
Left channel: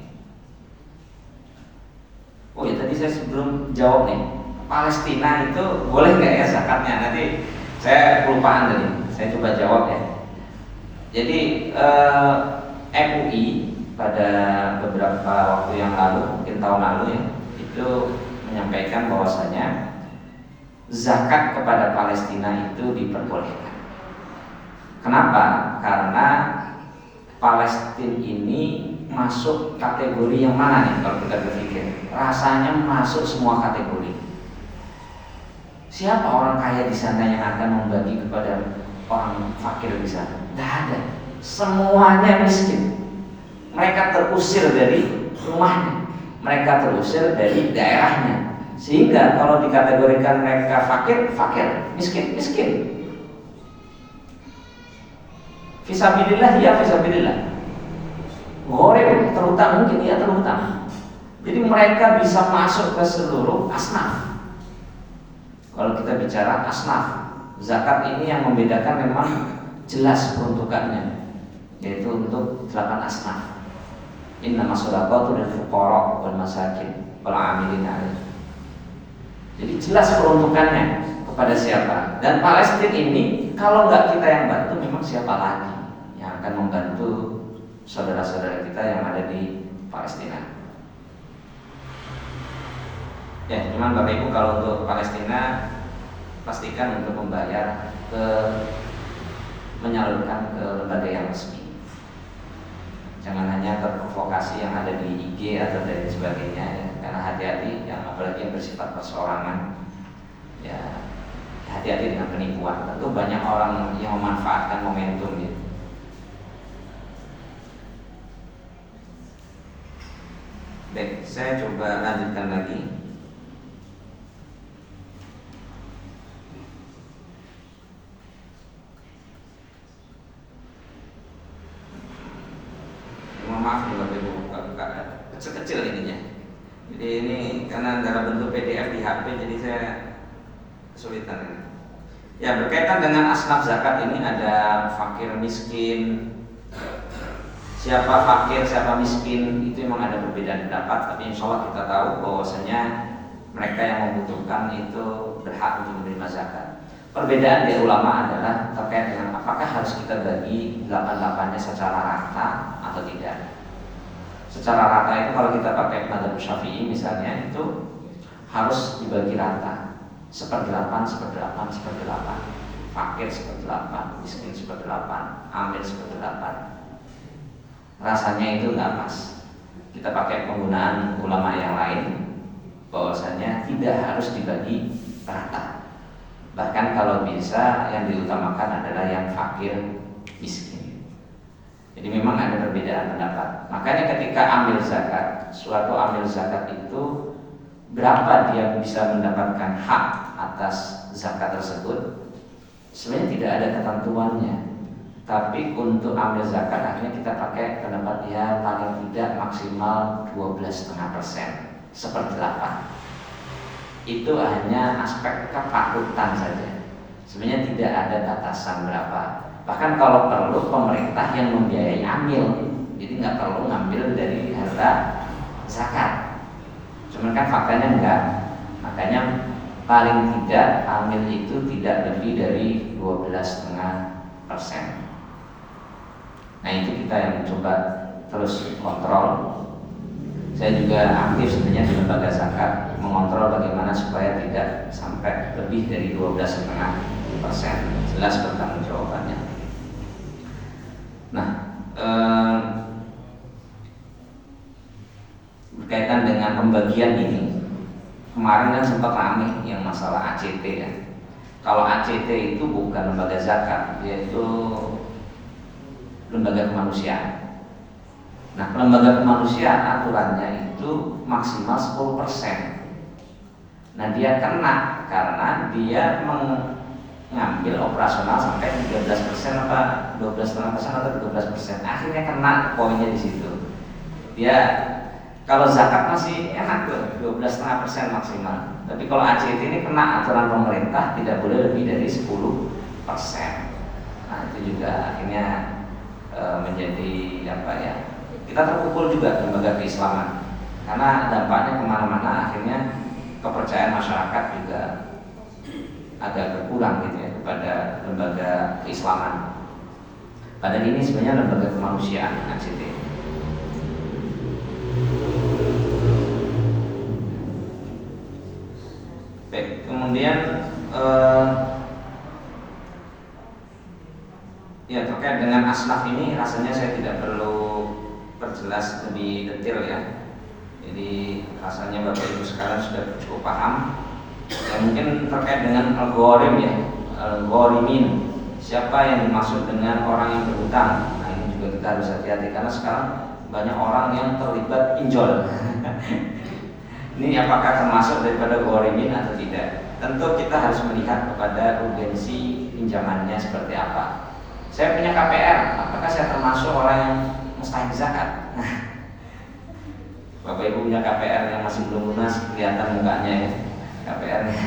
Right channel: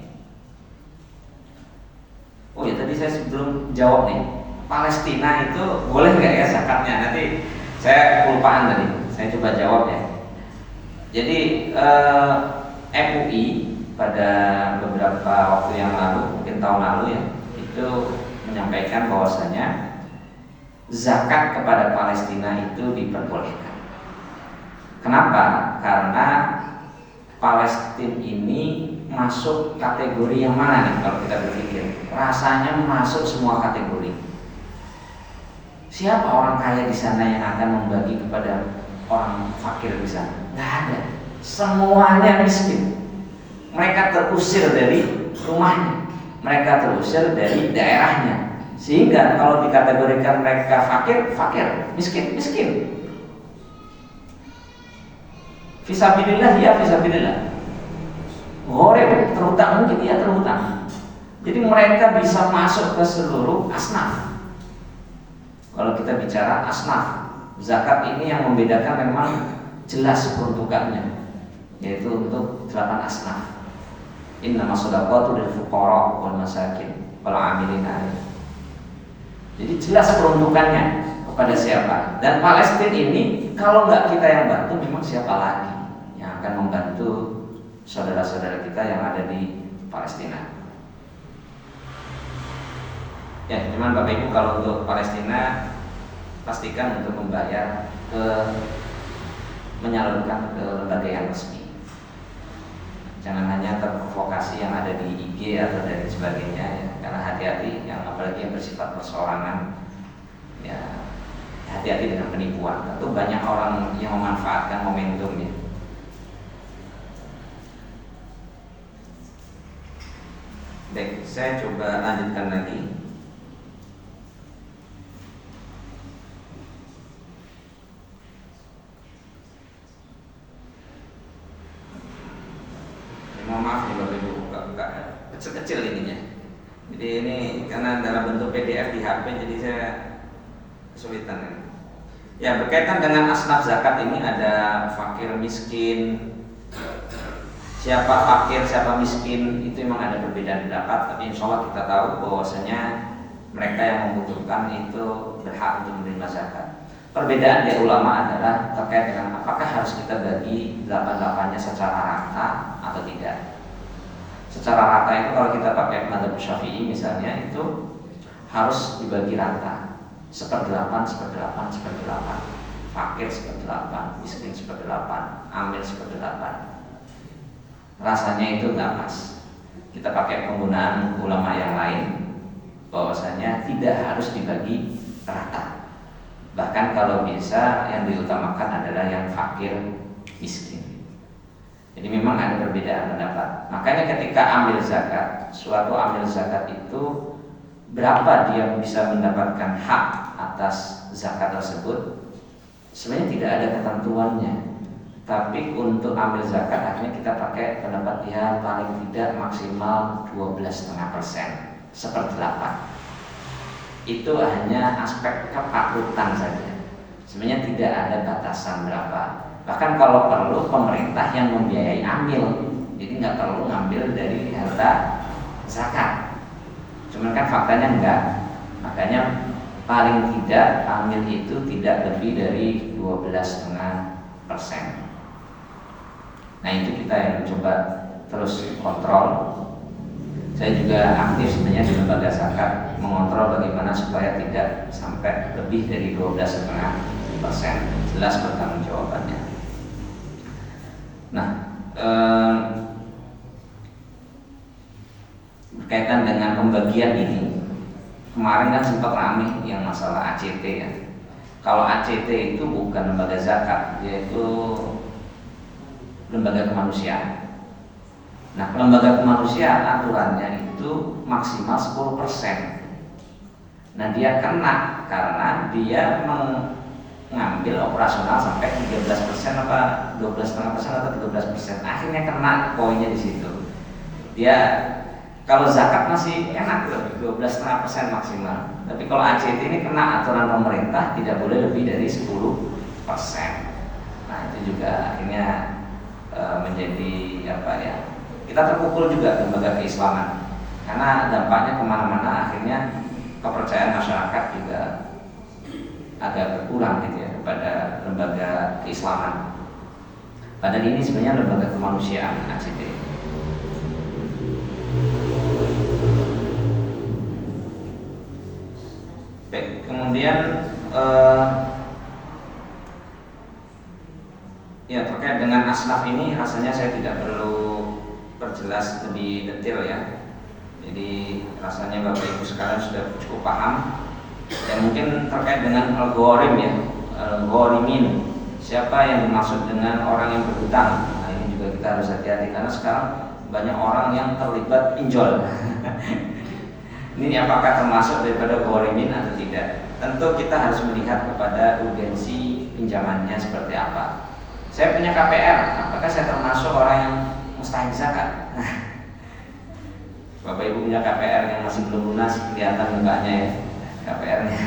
Oh ya tadi saya sebelum jawab nih, Palestina itu boleh nggak ya zakatnya? Nanti saya kelupaan tadi, saya coba jawab ya. Jadi MUI pada beberapa waktu yang lalu, mungkin tahun lalu ya, itu menyampaikan bahwasanya zakat kepada Palestina itu diperbolehkan. Kenapa? Karena Palestina ini masuk kategori yang mana nih kalau kita berpikir? Rasanya masuk semua kategori. Siapa orang kaya di sana yang akan membagi kepada orang fakir di sana? Nggak ada. Semuanya miskin. Mereka terusir dari rumahnya, mereka terusir dari daerahnya. Sehingga kalau dikategorikan mereka fakir, fakir, miskin, miskin. Fisabilillah, ya fisabilillah. Goreng terutama mungkin ya terutama. Jadi mereka bisa masuk ke seluruh asnaf. Kalau kita bicara asnaf, zakat ini yang membedakan memang jelas peruntukannya, yaitu untuk 8 asnaf. Innamas shadaqatu lil fuqara wal masakin wal 'amilina 'alaiha. Jadi jelas peruntukannya kepada siapa. Dan Palestina ini kalau nggak kita yang bantu, memang siapa lagi yang akan membantu saudara-saudara kita yang ada di Palestina. Ya, cuman Bapak Ibu kalau untuk Palestina pastikan untuk membayar menyalurkan ke lembaga yang resmi. Jangan hanya terprovokasi yang ada di IG atau dari sebagainya ya. Karena hati-hati yang apalagi yang bersifat perseorangan ya, hati-hati dengan penipuan. Tentu banyak orang yang memanfaatkan momentum ya. Baik, saya coba lanjutkan lagi. Maaf nih Bapak Ibu, kecil-kecil ininya. Jadi ini karena dalam bentuk PDF di HP, jadi saya kesulitan. Ya, berkaitan dengan asnaf zakat ini ada fakir miskin. Siapa fakir, siapa miskin itu memang ada perbedaan pendapat, tapi insya Allah kita tahu bahwasanya mereka yang membutuhkan itu berhak untuk menerima zakat. Perbedaan dari ulama adalah terkait dengan apakah harus kita bagi 8-8-nya secara rata atau tidak. Secara rata itu kalau kita pakai mazhab Syafi'i misalnya itu harus dibagi rata, 1/8, 1/8, 1/8, fakir 1/8, miskin 1/8, amil 1/8. Rasanya itu nggak pas. Kita pakai penggunaan ulama yang lain, bahwasanya tidak harus dibagi rata. Bahkan kalau bisa yang diutamakan adalah yang fakir miskin. Jadi memang ada perbedaan pendapat. Makanya ketika ambil zakat, suatu ambil zakat itu berapa dia bisa mendapatkan hak atas zakat tersebut, sebenarnya tidak ada ketentuannya. Tapi untuk ambil zakat akhirnya kita pakai pendapat dia paling tidak maksimal 12,5%, 1/8. Itu hanya aspek kepatutan saja. Sebenarnya tidak ada batasan berapa. Bahkan kalau perlu pemerintah yang membiayai amil, jadi nggak perlu ngambil dari harta zakat. Cuman kan faktanya enggak. Makanya paling tidak amil itu tidak lebih dari 12,5%. Nah itu kita yang mencoba terus kontrol. Saya juga aktif sebenarnya di lembaga zakat mengontrol bagaimana supaya tidak sampai lebih dari 12,5%. Jelas bertanggung jawabannya. Nah, berkaitan dengan pembagian ini, kemarin kan sempat ramai yang masalah ACT ya. Kalau ACT itu bukan lembaga zakat, yaitu lembaga kemanusiaan. Nah, lembaga kemanusiaan aturannya itu maksimal 10%. Nah, dia kena karena dia mengambil operasional sampai 13% atau 12,5% atau 13%. Akhirnya kena poinnya di situ. Dia kalau zakat masih enak tuh 12,5% maksimal. Tapi kalau ACT ini kena aturan pemerintah tidak boleh lebih dari 10%. Nah, itu juga akhirnya menjadi apa ya? Kita terpukul juga lembaga keislaman karena dampaknya kemana-mana, akhirnya kepercayaan masyarakat juga agak berkurang gitu ya kepada lembaga keislaman. Padahal ini sebenarnya lembaga kemanusiaan ACT. Baik, kemudian ya terkait dengan asnaf ini rasanya saya tidak perlu perjelas lebih detail ya. Jadi rasanya Bapak Ibu sekalian sudah cukup paham. Ya mungkin terkait dengan algorim ya, algorimin. Siapa yang dimaksud dengan orang yang berhutang? Nah ini juga kita harus hati-hati karena sekarang banyak orang yang terlibat pinjol. Ini apakah termasuk daripada algorimin atau tidak? Tentu kita harus melihat kepada urgensi pinjamannya seperti apa. Saya punya KPR, apakah saya termasuk orang yang mustahik zakat? Bapak Ibu punya KPR yang masih belum lunas, kelihatan mukanya ya KPR-nya.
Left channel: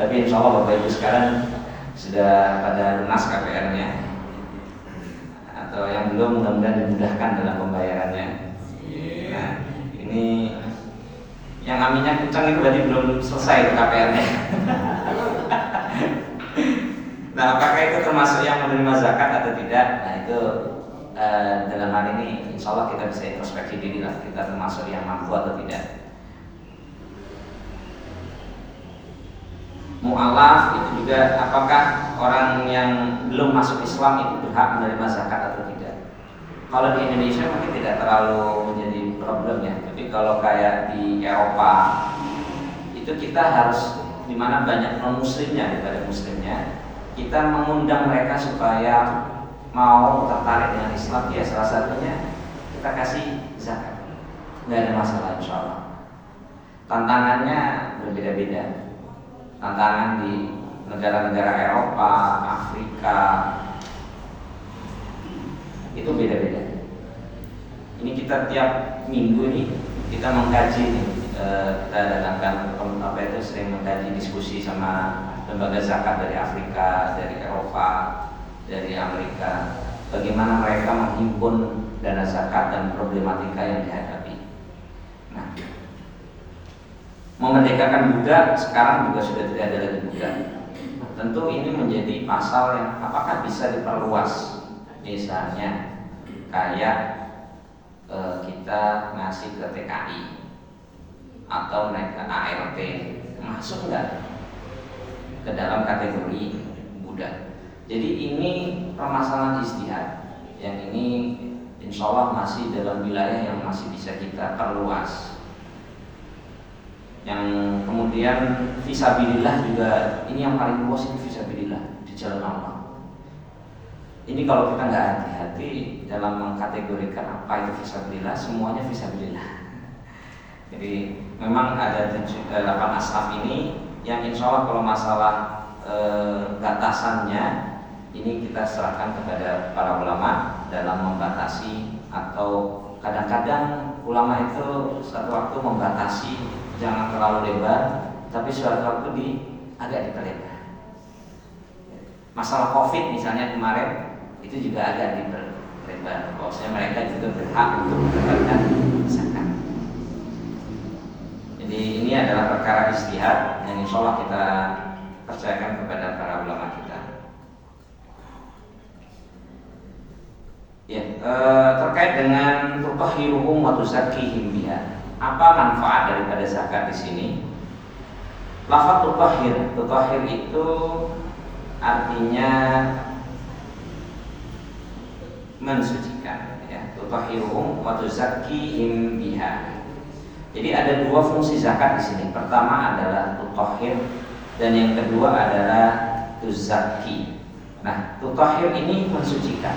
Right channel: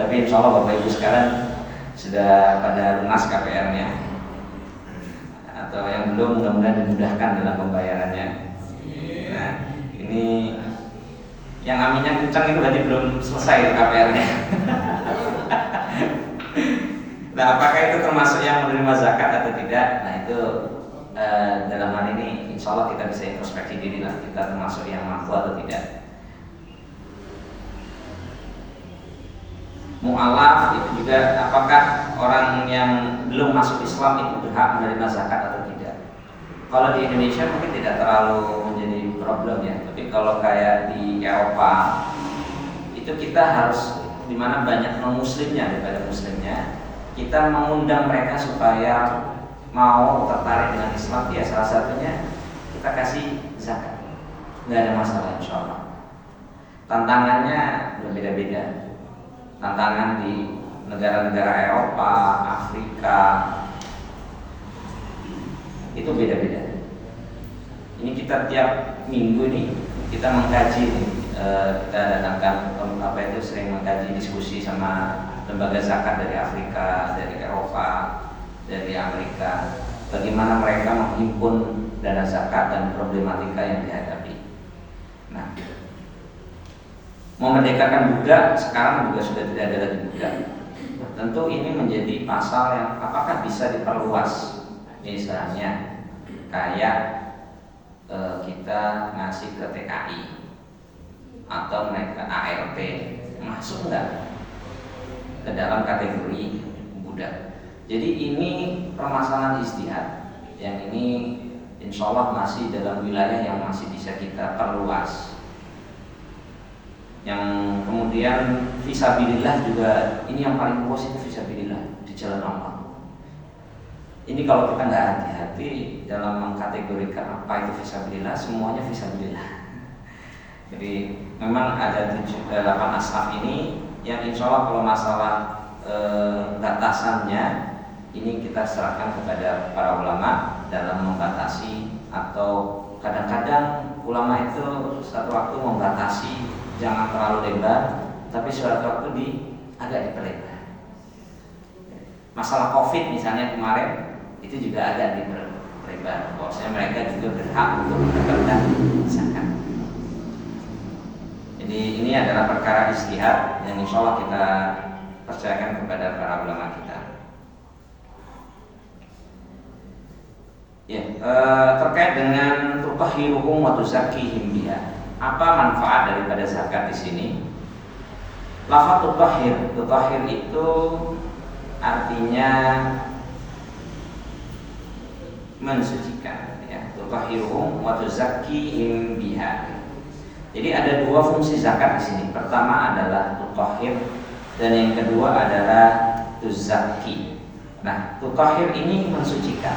Tapi insya Allah Bapak Ibu sekarang sudah pada lunas KPR-nya. Atau yang belum, mudah-mudahan dimudahkan dalam pembayarannya. Nah, ini yang aminnya kencang itu berarti belum selesai KPR-nya. Nah, apakah itu termasuk yang menerima zakat atau tidak? Nah, itu dalam hal ini insya Allah kita bisa introspeksi diri lah, kita termasuk yang mampu atau tidak. Mu'alaf itu juga apakah orang yang belum masuk Islam itu berhak menerima zakat atau tidak? Kalau di Indonesia mungkin tidak terlalu menjadi problem ya, tapi kalau kayak di Eropa itu kita harus, dimana banyak non muslimnya daripada muslimnya, kita mengundang mereka supaya mau tertarik dengan Islam. Ya salah satunya kita kasih zakat, nggak ada masalah insya Allah. Tantangannya berbeda-beda. Tantangan di negara-negara Eropa, Afrika itu beda-beda. Ini kita tiap minggu nih kita mengkaji nih, kita datangkan apa itu, sering mengkaji diskusi sama lembaga zakat dari Afrika, dari Eropa, dari Amerika, bagaimana mereka menghimpun dana zakat dan problematika yang dihadapi. Nah, memerdekakan budak sekarang juga sudah tidak ada lagi budak. Nah, tentu ini menjadi pasal yang apakah bisa diperluas, misalnya kayak kita ngasih ke TKI atau naik ke ART, masuk nggak ke dalam kategori budak? Jadi ini permasalahan ijtihad yang ini insya Allah masih dalam wilayah yang masih bisa kita perluas. Yang kemudian fisabilillah juga, ini yang paling luas itu fisabilillah di jalan Allah. Ini kalau kita nggak hati-hati dalam mengkategorikan apa itu fisabilillah, semuanya fisabilillah. Jadi memang ada 8 asaf ini yang insya Allah kalau masalah batasannya ini kita serahkan kepada para ulama dalam membatasi, atau kadang-kadang ulama itu satu waktu membatasi jangan terlalu lebar, tapi suatu waktu agak diperlebar. Masalah COVID misalnya kemarin itu juga agak diperlebar, bahwasanya mereka juga berhak untuk mendapatkan zakat. Jadi ini adalah perkara ijtihad yang insya Allah kita percayakan kepada para ulama kita. Ya, terkait dengan tutahhiruhum wa tuzakkihim biha. Apa manfaat daripada zakat di sini? Lafaz tutahhir itu artinya mensucikan, ya. Tutahhiruhum wa tuzakkihim biha. Jadi ada dua fungsi zakat di sini. Pertama adalah tutahhir dan yang kedua adalah tuzakki. Nah, tutahhir ini mensucikan.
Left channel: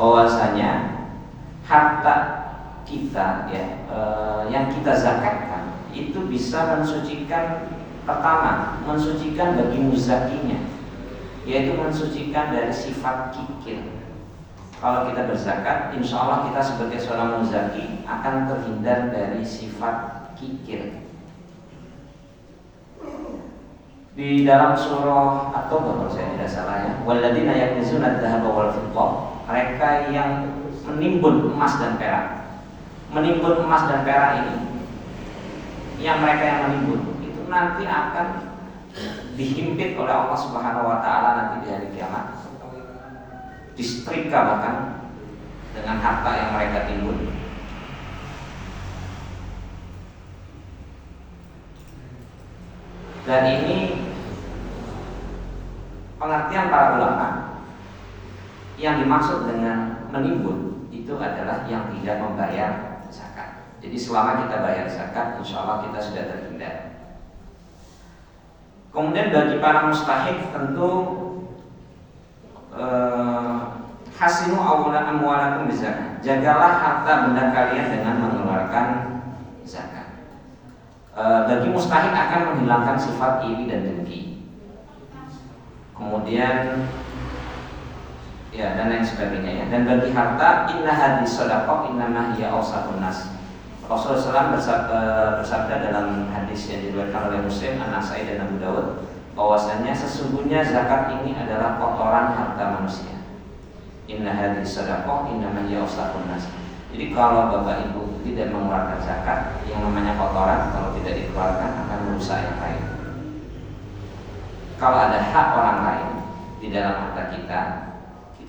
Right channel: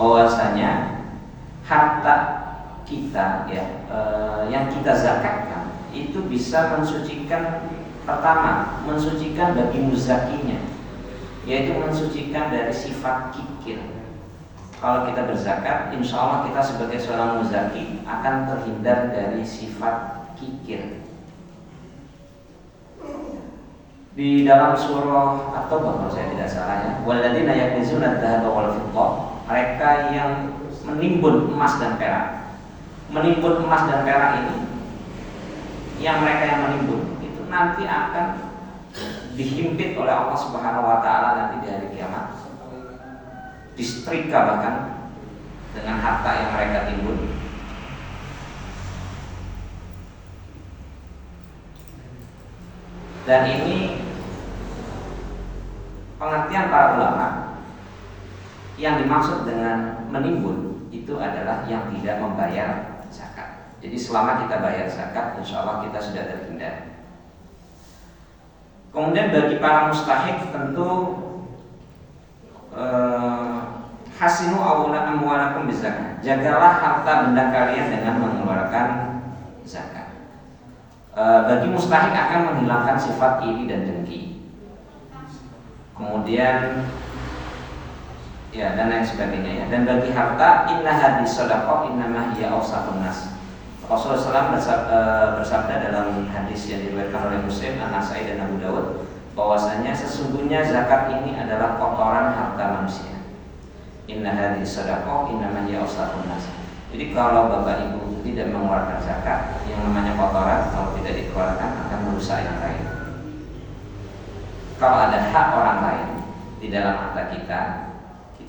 Bahwasanya harta kita ya yang kita zakatkan itu bisa mensucikan, pertama mensucikan bagi muzakinya, yaitu mensucikan dari sifat kikir. Kalau kita berzakat, insya Allah kita sebagai seorang muzaki akan terhindar dari sifat kikir. Di dalam surah At-Taubah kalau saya tidak salah ya, walladzina yaknizuna adz-dzahaba wal fiddah, mereka yang menimbun emas dan perak. Menimbun emas dan perak ini, yang mereka yang menimbun itu nanti akan dihimpit oleh Allah Subhanahu wa taala nanti di hari kiamat. Disetrika bahkan dengan harta yang mereka timbun. Dan ini pengertian para ulama, yang dimaksud dengan menimbun itu adalah yang tidak membayar zakat. Jadi selama kita bayar zakat, insya Allah kita sudah terhindar. Kemudian bagi para mustahik tentu hasinu amwalakum bizakat. Jagalah harta benda kalian dengan mengeluarkan zakat. Bagi mustahik akan menghilangkan sifat iri dan dengki. Kemudian ya dan lain sebagainya ya. Dan bagi harta, inna hadis shadaqah innama hiya awsatun nas. Rasulullah SAW bersabda dalam hadis yang diriwayatkan oleh Muslim, An-Nasai dan Abu Dawud, bahwasanya sesungguhnya zakat ini adalah kotoran harta manusia. Inna hadis shadaqah innama hiya awsatun nas. Jadi kalau Bapak Ibu tidak mengeluarkan zakat, yang namanya kotoran kalau tidak dikeluarkan akan merusak yang lain. Kalau ada hak orang lain di dalam harta kita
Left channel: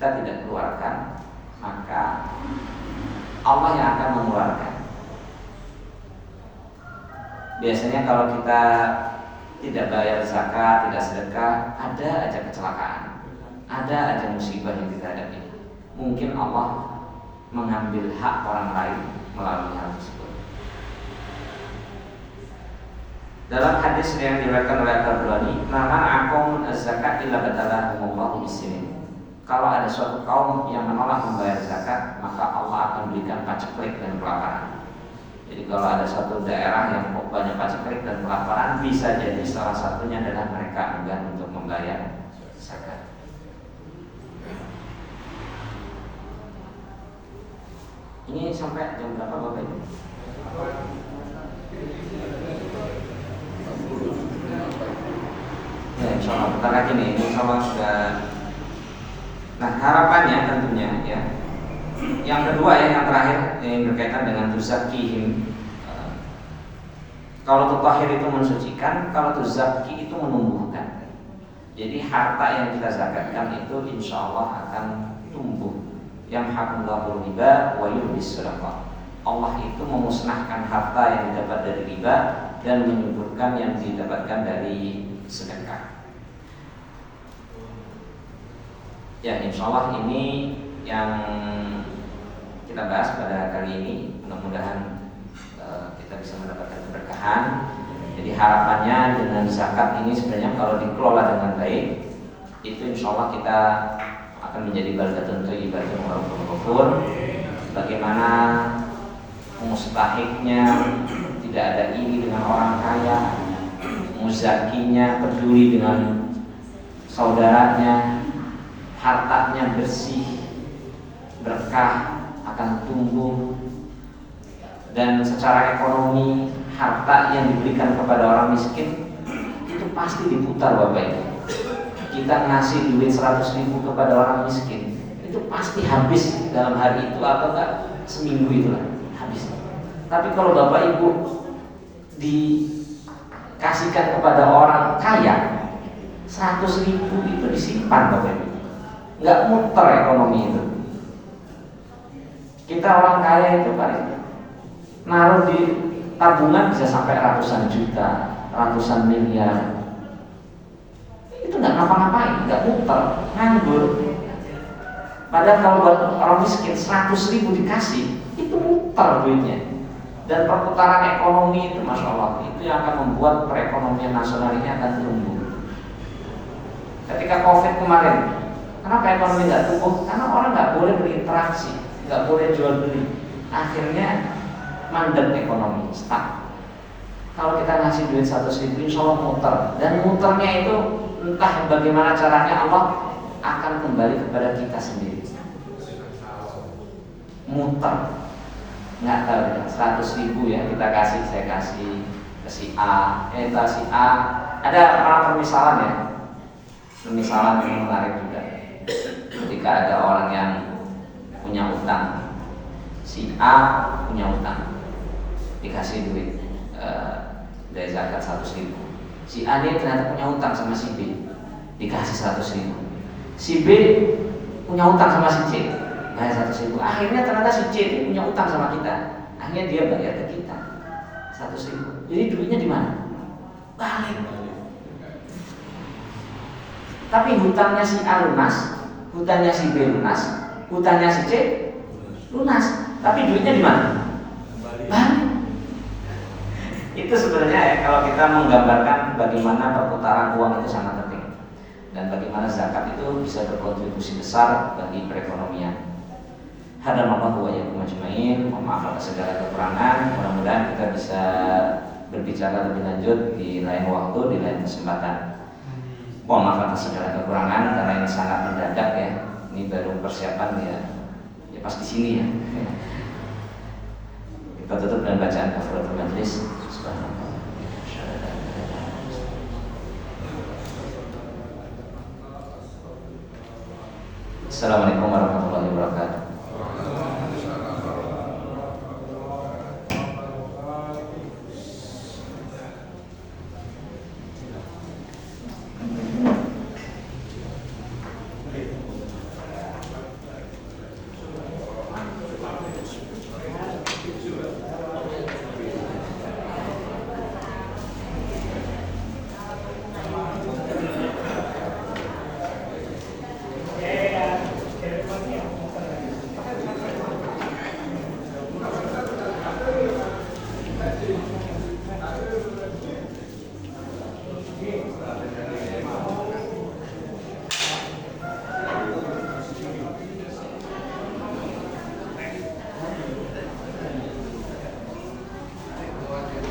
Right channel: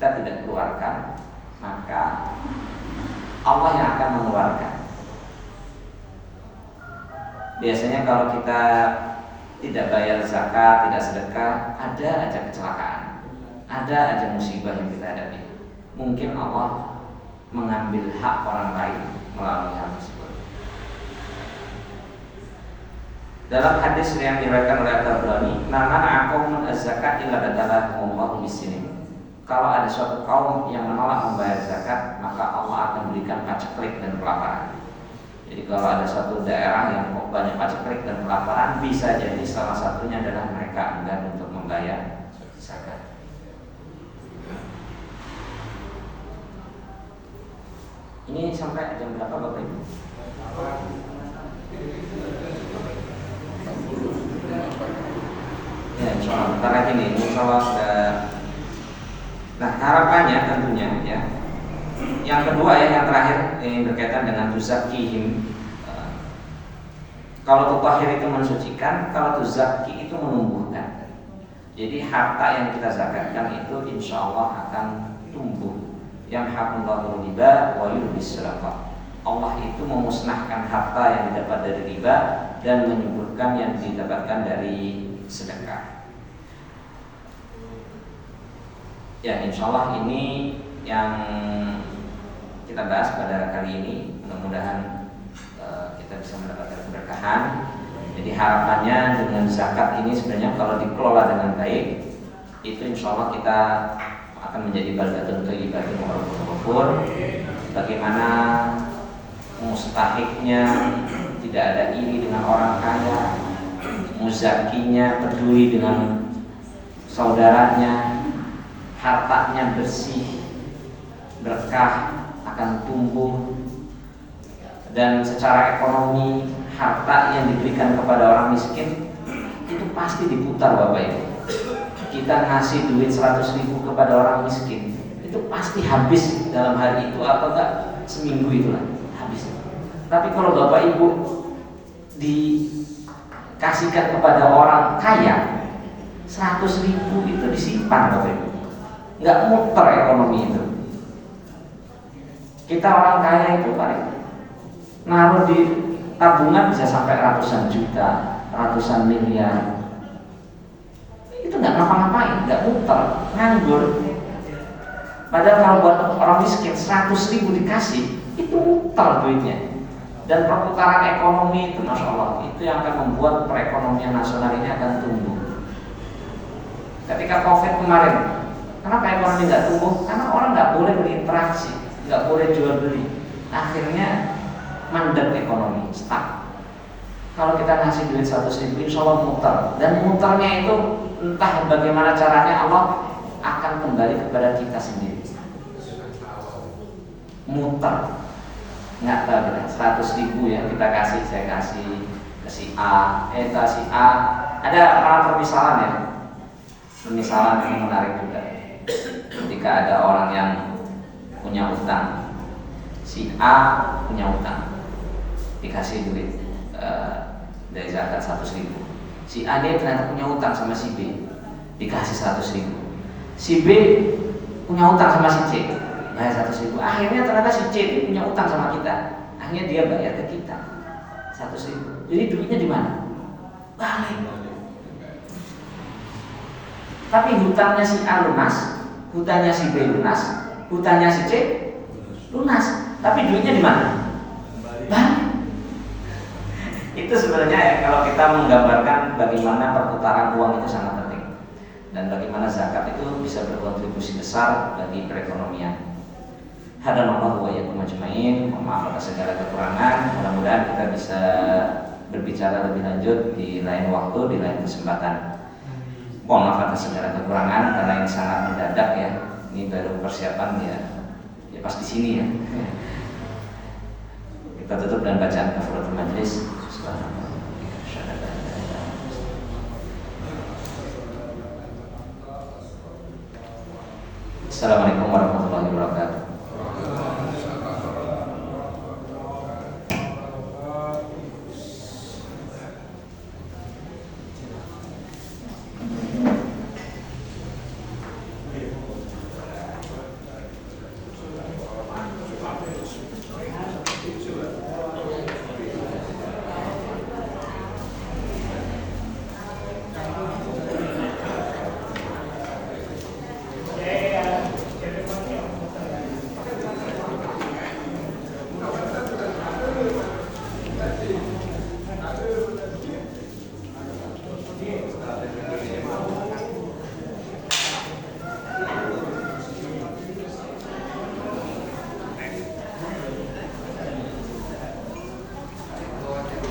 tidak keluarkan, maka Allah yang akan mengeluarkan. Biasanya kalau kita tidak bayar zakat, tidak sedekah, ada aja kecelakaan, ada aja musibah yang kita hadapi. Mungkin Allah mengambil hak orang lain melalui hal tersebut. Dalam hadis yang diriwayatkan oleh At-Tabrani, "Mana akum az-zakat illa badalahumullahu bisinin." Kalau ada suatu kaum yang menolak membayar zakat, maka Allah akan berikan paceklik dan kelaparan. Jadi kalau ada suatu daerah yang banyak paceklik dan kelaparan, bisa jadi salah satunya adalah mereka enggan untuk membayar zakat. Ini sampai jam berapa Bapak Ibu? Ya, insya Allah. Bentar lagi nih, insya Allah sudah. Nah, harapannya tentunya ya. Yang kedua ya, yang terakhir yang berkaitan dengan tuzakihim. Kalau tutahhir itu mensucikan, kalau tuzakki itu menumbuhkan. Jadi harta yang kita zakatkan itu insya Allah akan tumbuh. Yang hakullahu riba wa yurbis sadaqah. Allah itu memusnahkan harta yang didapat dari riba dan menyuburkan yang didapatkan dari sedekah. Ya, insya Allah ini yang kita bahas pada kali ini. Mudah-mudahan kita bisa mendapatkan keberkahan. Jadi harapannya dengan zakat ini sebenarnya kalau dikelola dengan baik, itu insya Allah kita akan menjadi baldatun thayyibatun wa rabbun ghafur. Bagaimana mustahiknya tidak ada iri dengan orang kaya, muzakinya peduli dengan saudaranya, hartanya bersih, berkah, akan tumbuh, dan secara ekonomi harta yang diberikan kepada orang miskin itu pasti diputar Bapak Ibu. Kita ngasih duit 100.000 kepada orang miskin itu pasti habis dalam hari itu atau enggak seminggu itulah habis. Tapi kalau Bapak Ibu dikasihkan kepada orang kaya 100.000 itu disimpan Bapak Ibu, nggak muter ekonomi itu. Kita orang kaya itu kali naruh di tabungan bisa sampai ratusan juta, ratusan miliar. Itu nggak ngapa-ngapain, nggak muter, nganggur. Padahal kalau buat orang miskin 100.000 dikasih, itu muter duitnya. Dan perputaran ekonomi itu, masya Allah, itu yang akan membuat perekonomian nasional ini akan tumbuh. Ketika COVID kemarin, kenapa ekonomi nggak tumbuh? Karena orang nggak boleh berinteraksi, nggak boleh jual beli. Akhirnya mandek ekonomi, stuck. Kalau kita ngasih duit 100.000, insya Allah muter. Dan muternya itu entah bagaimana caranya Allah akan kembali kepada kita sendiri. Muter, nggak tahu 100.000 ya kita kasih, saya kasih ke si A, si A. Ada orang permisalan ya, permisalan yang menarik juga. Ketika ada orang yang punya utang, si A punya utang, dikasih duit dari zakat 100.000. Si A dia ternyata punya utang sama si B, dikasih 100.000. Si B punya utang sama si C, bayar 100.000. Akhirnya ternyata si C itu punya utang sama kita, akhirnya dia bayar ke kita 100.000. Jadi duitnya di mana? Balik. Tapi hutangnya si A lunas, hutangnya si B lunas, hutangnya si C lunas. Tapi duitnya di mana? Balik. Itu sebenarnya ya kalau kita menggambarkan bagaimana perputaran uang itu sangat penting dan bagaimana zakat itu bisa berkontribusi besar bagi perekonomian. Hadanallahu wa iyyakum ajmain. Mohon maaf atas segala kekurangan. Mudah-mudahan kita bisa berbicara lebih lanjut di lain waktu, di lain kesempatan. Mohon maaf atas segala kekurangan karena ini sangat mendadak ya. Ini baru persiapan ya pas di sini ya. Kita tutup dengan bacaan kafaratul majelis. Assalamualaikum warahmatullahi wabarakatuh.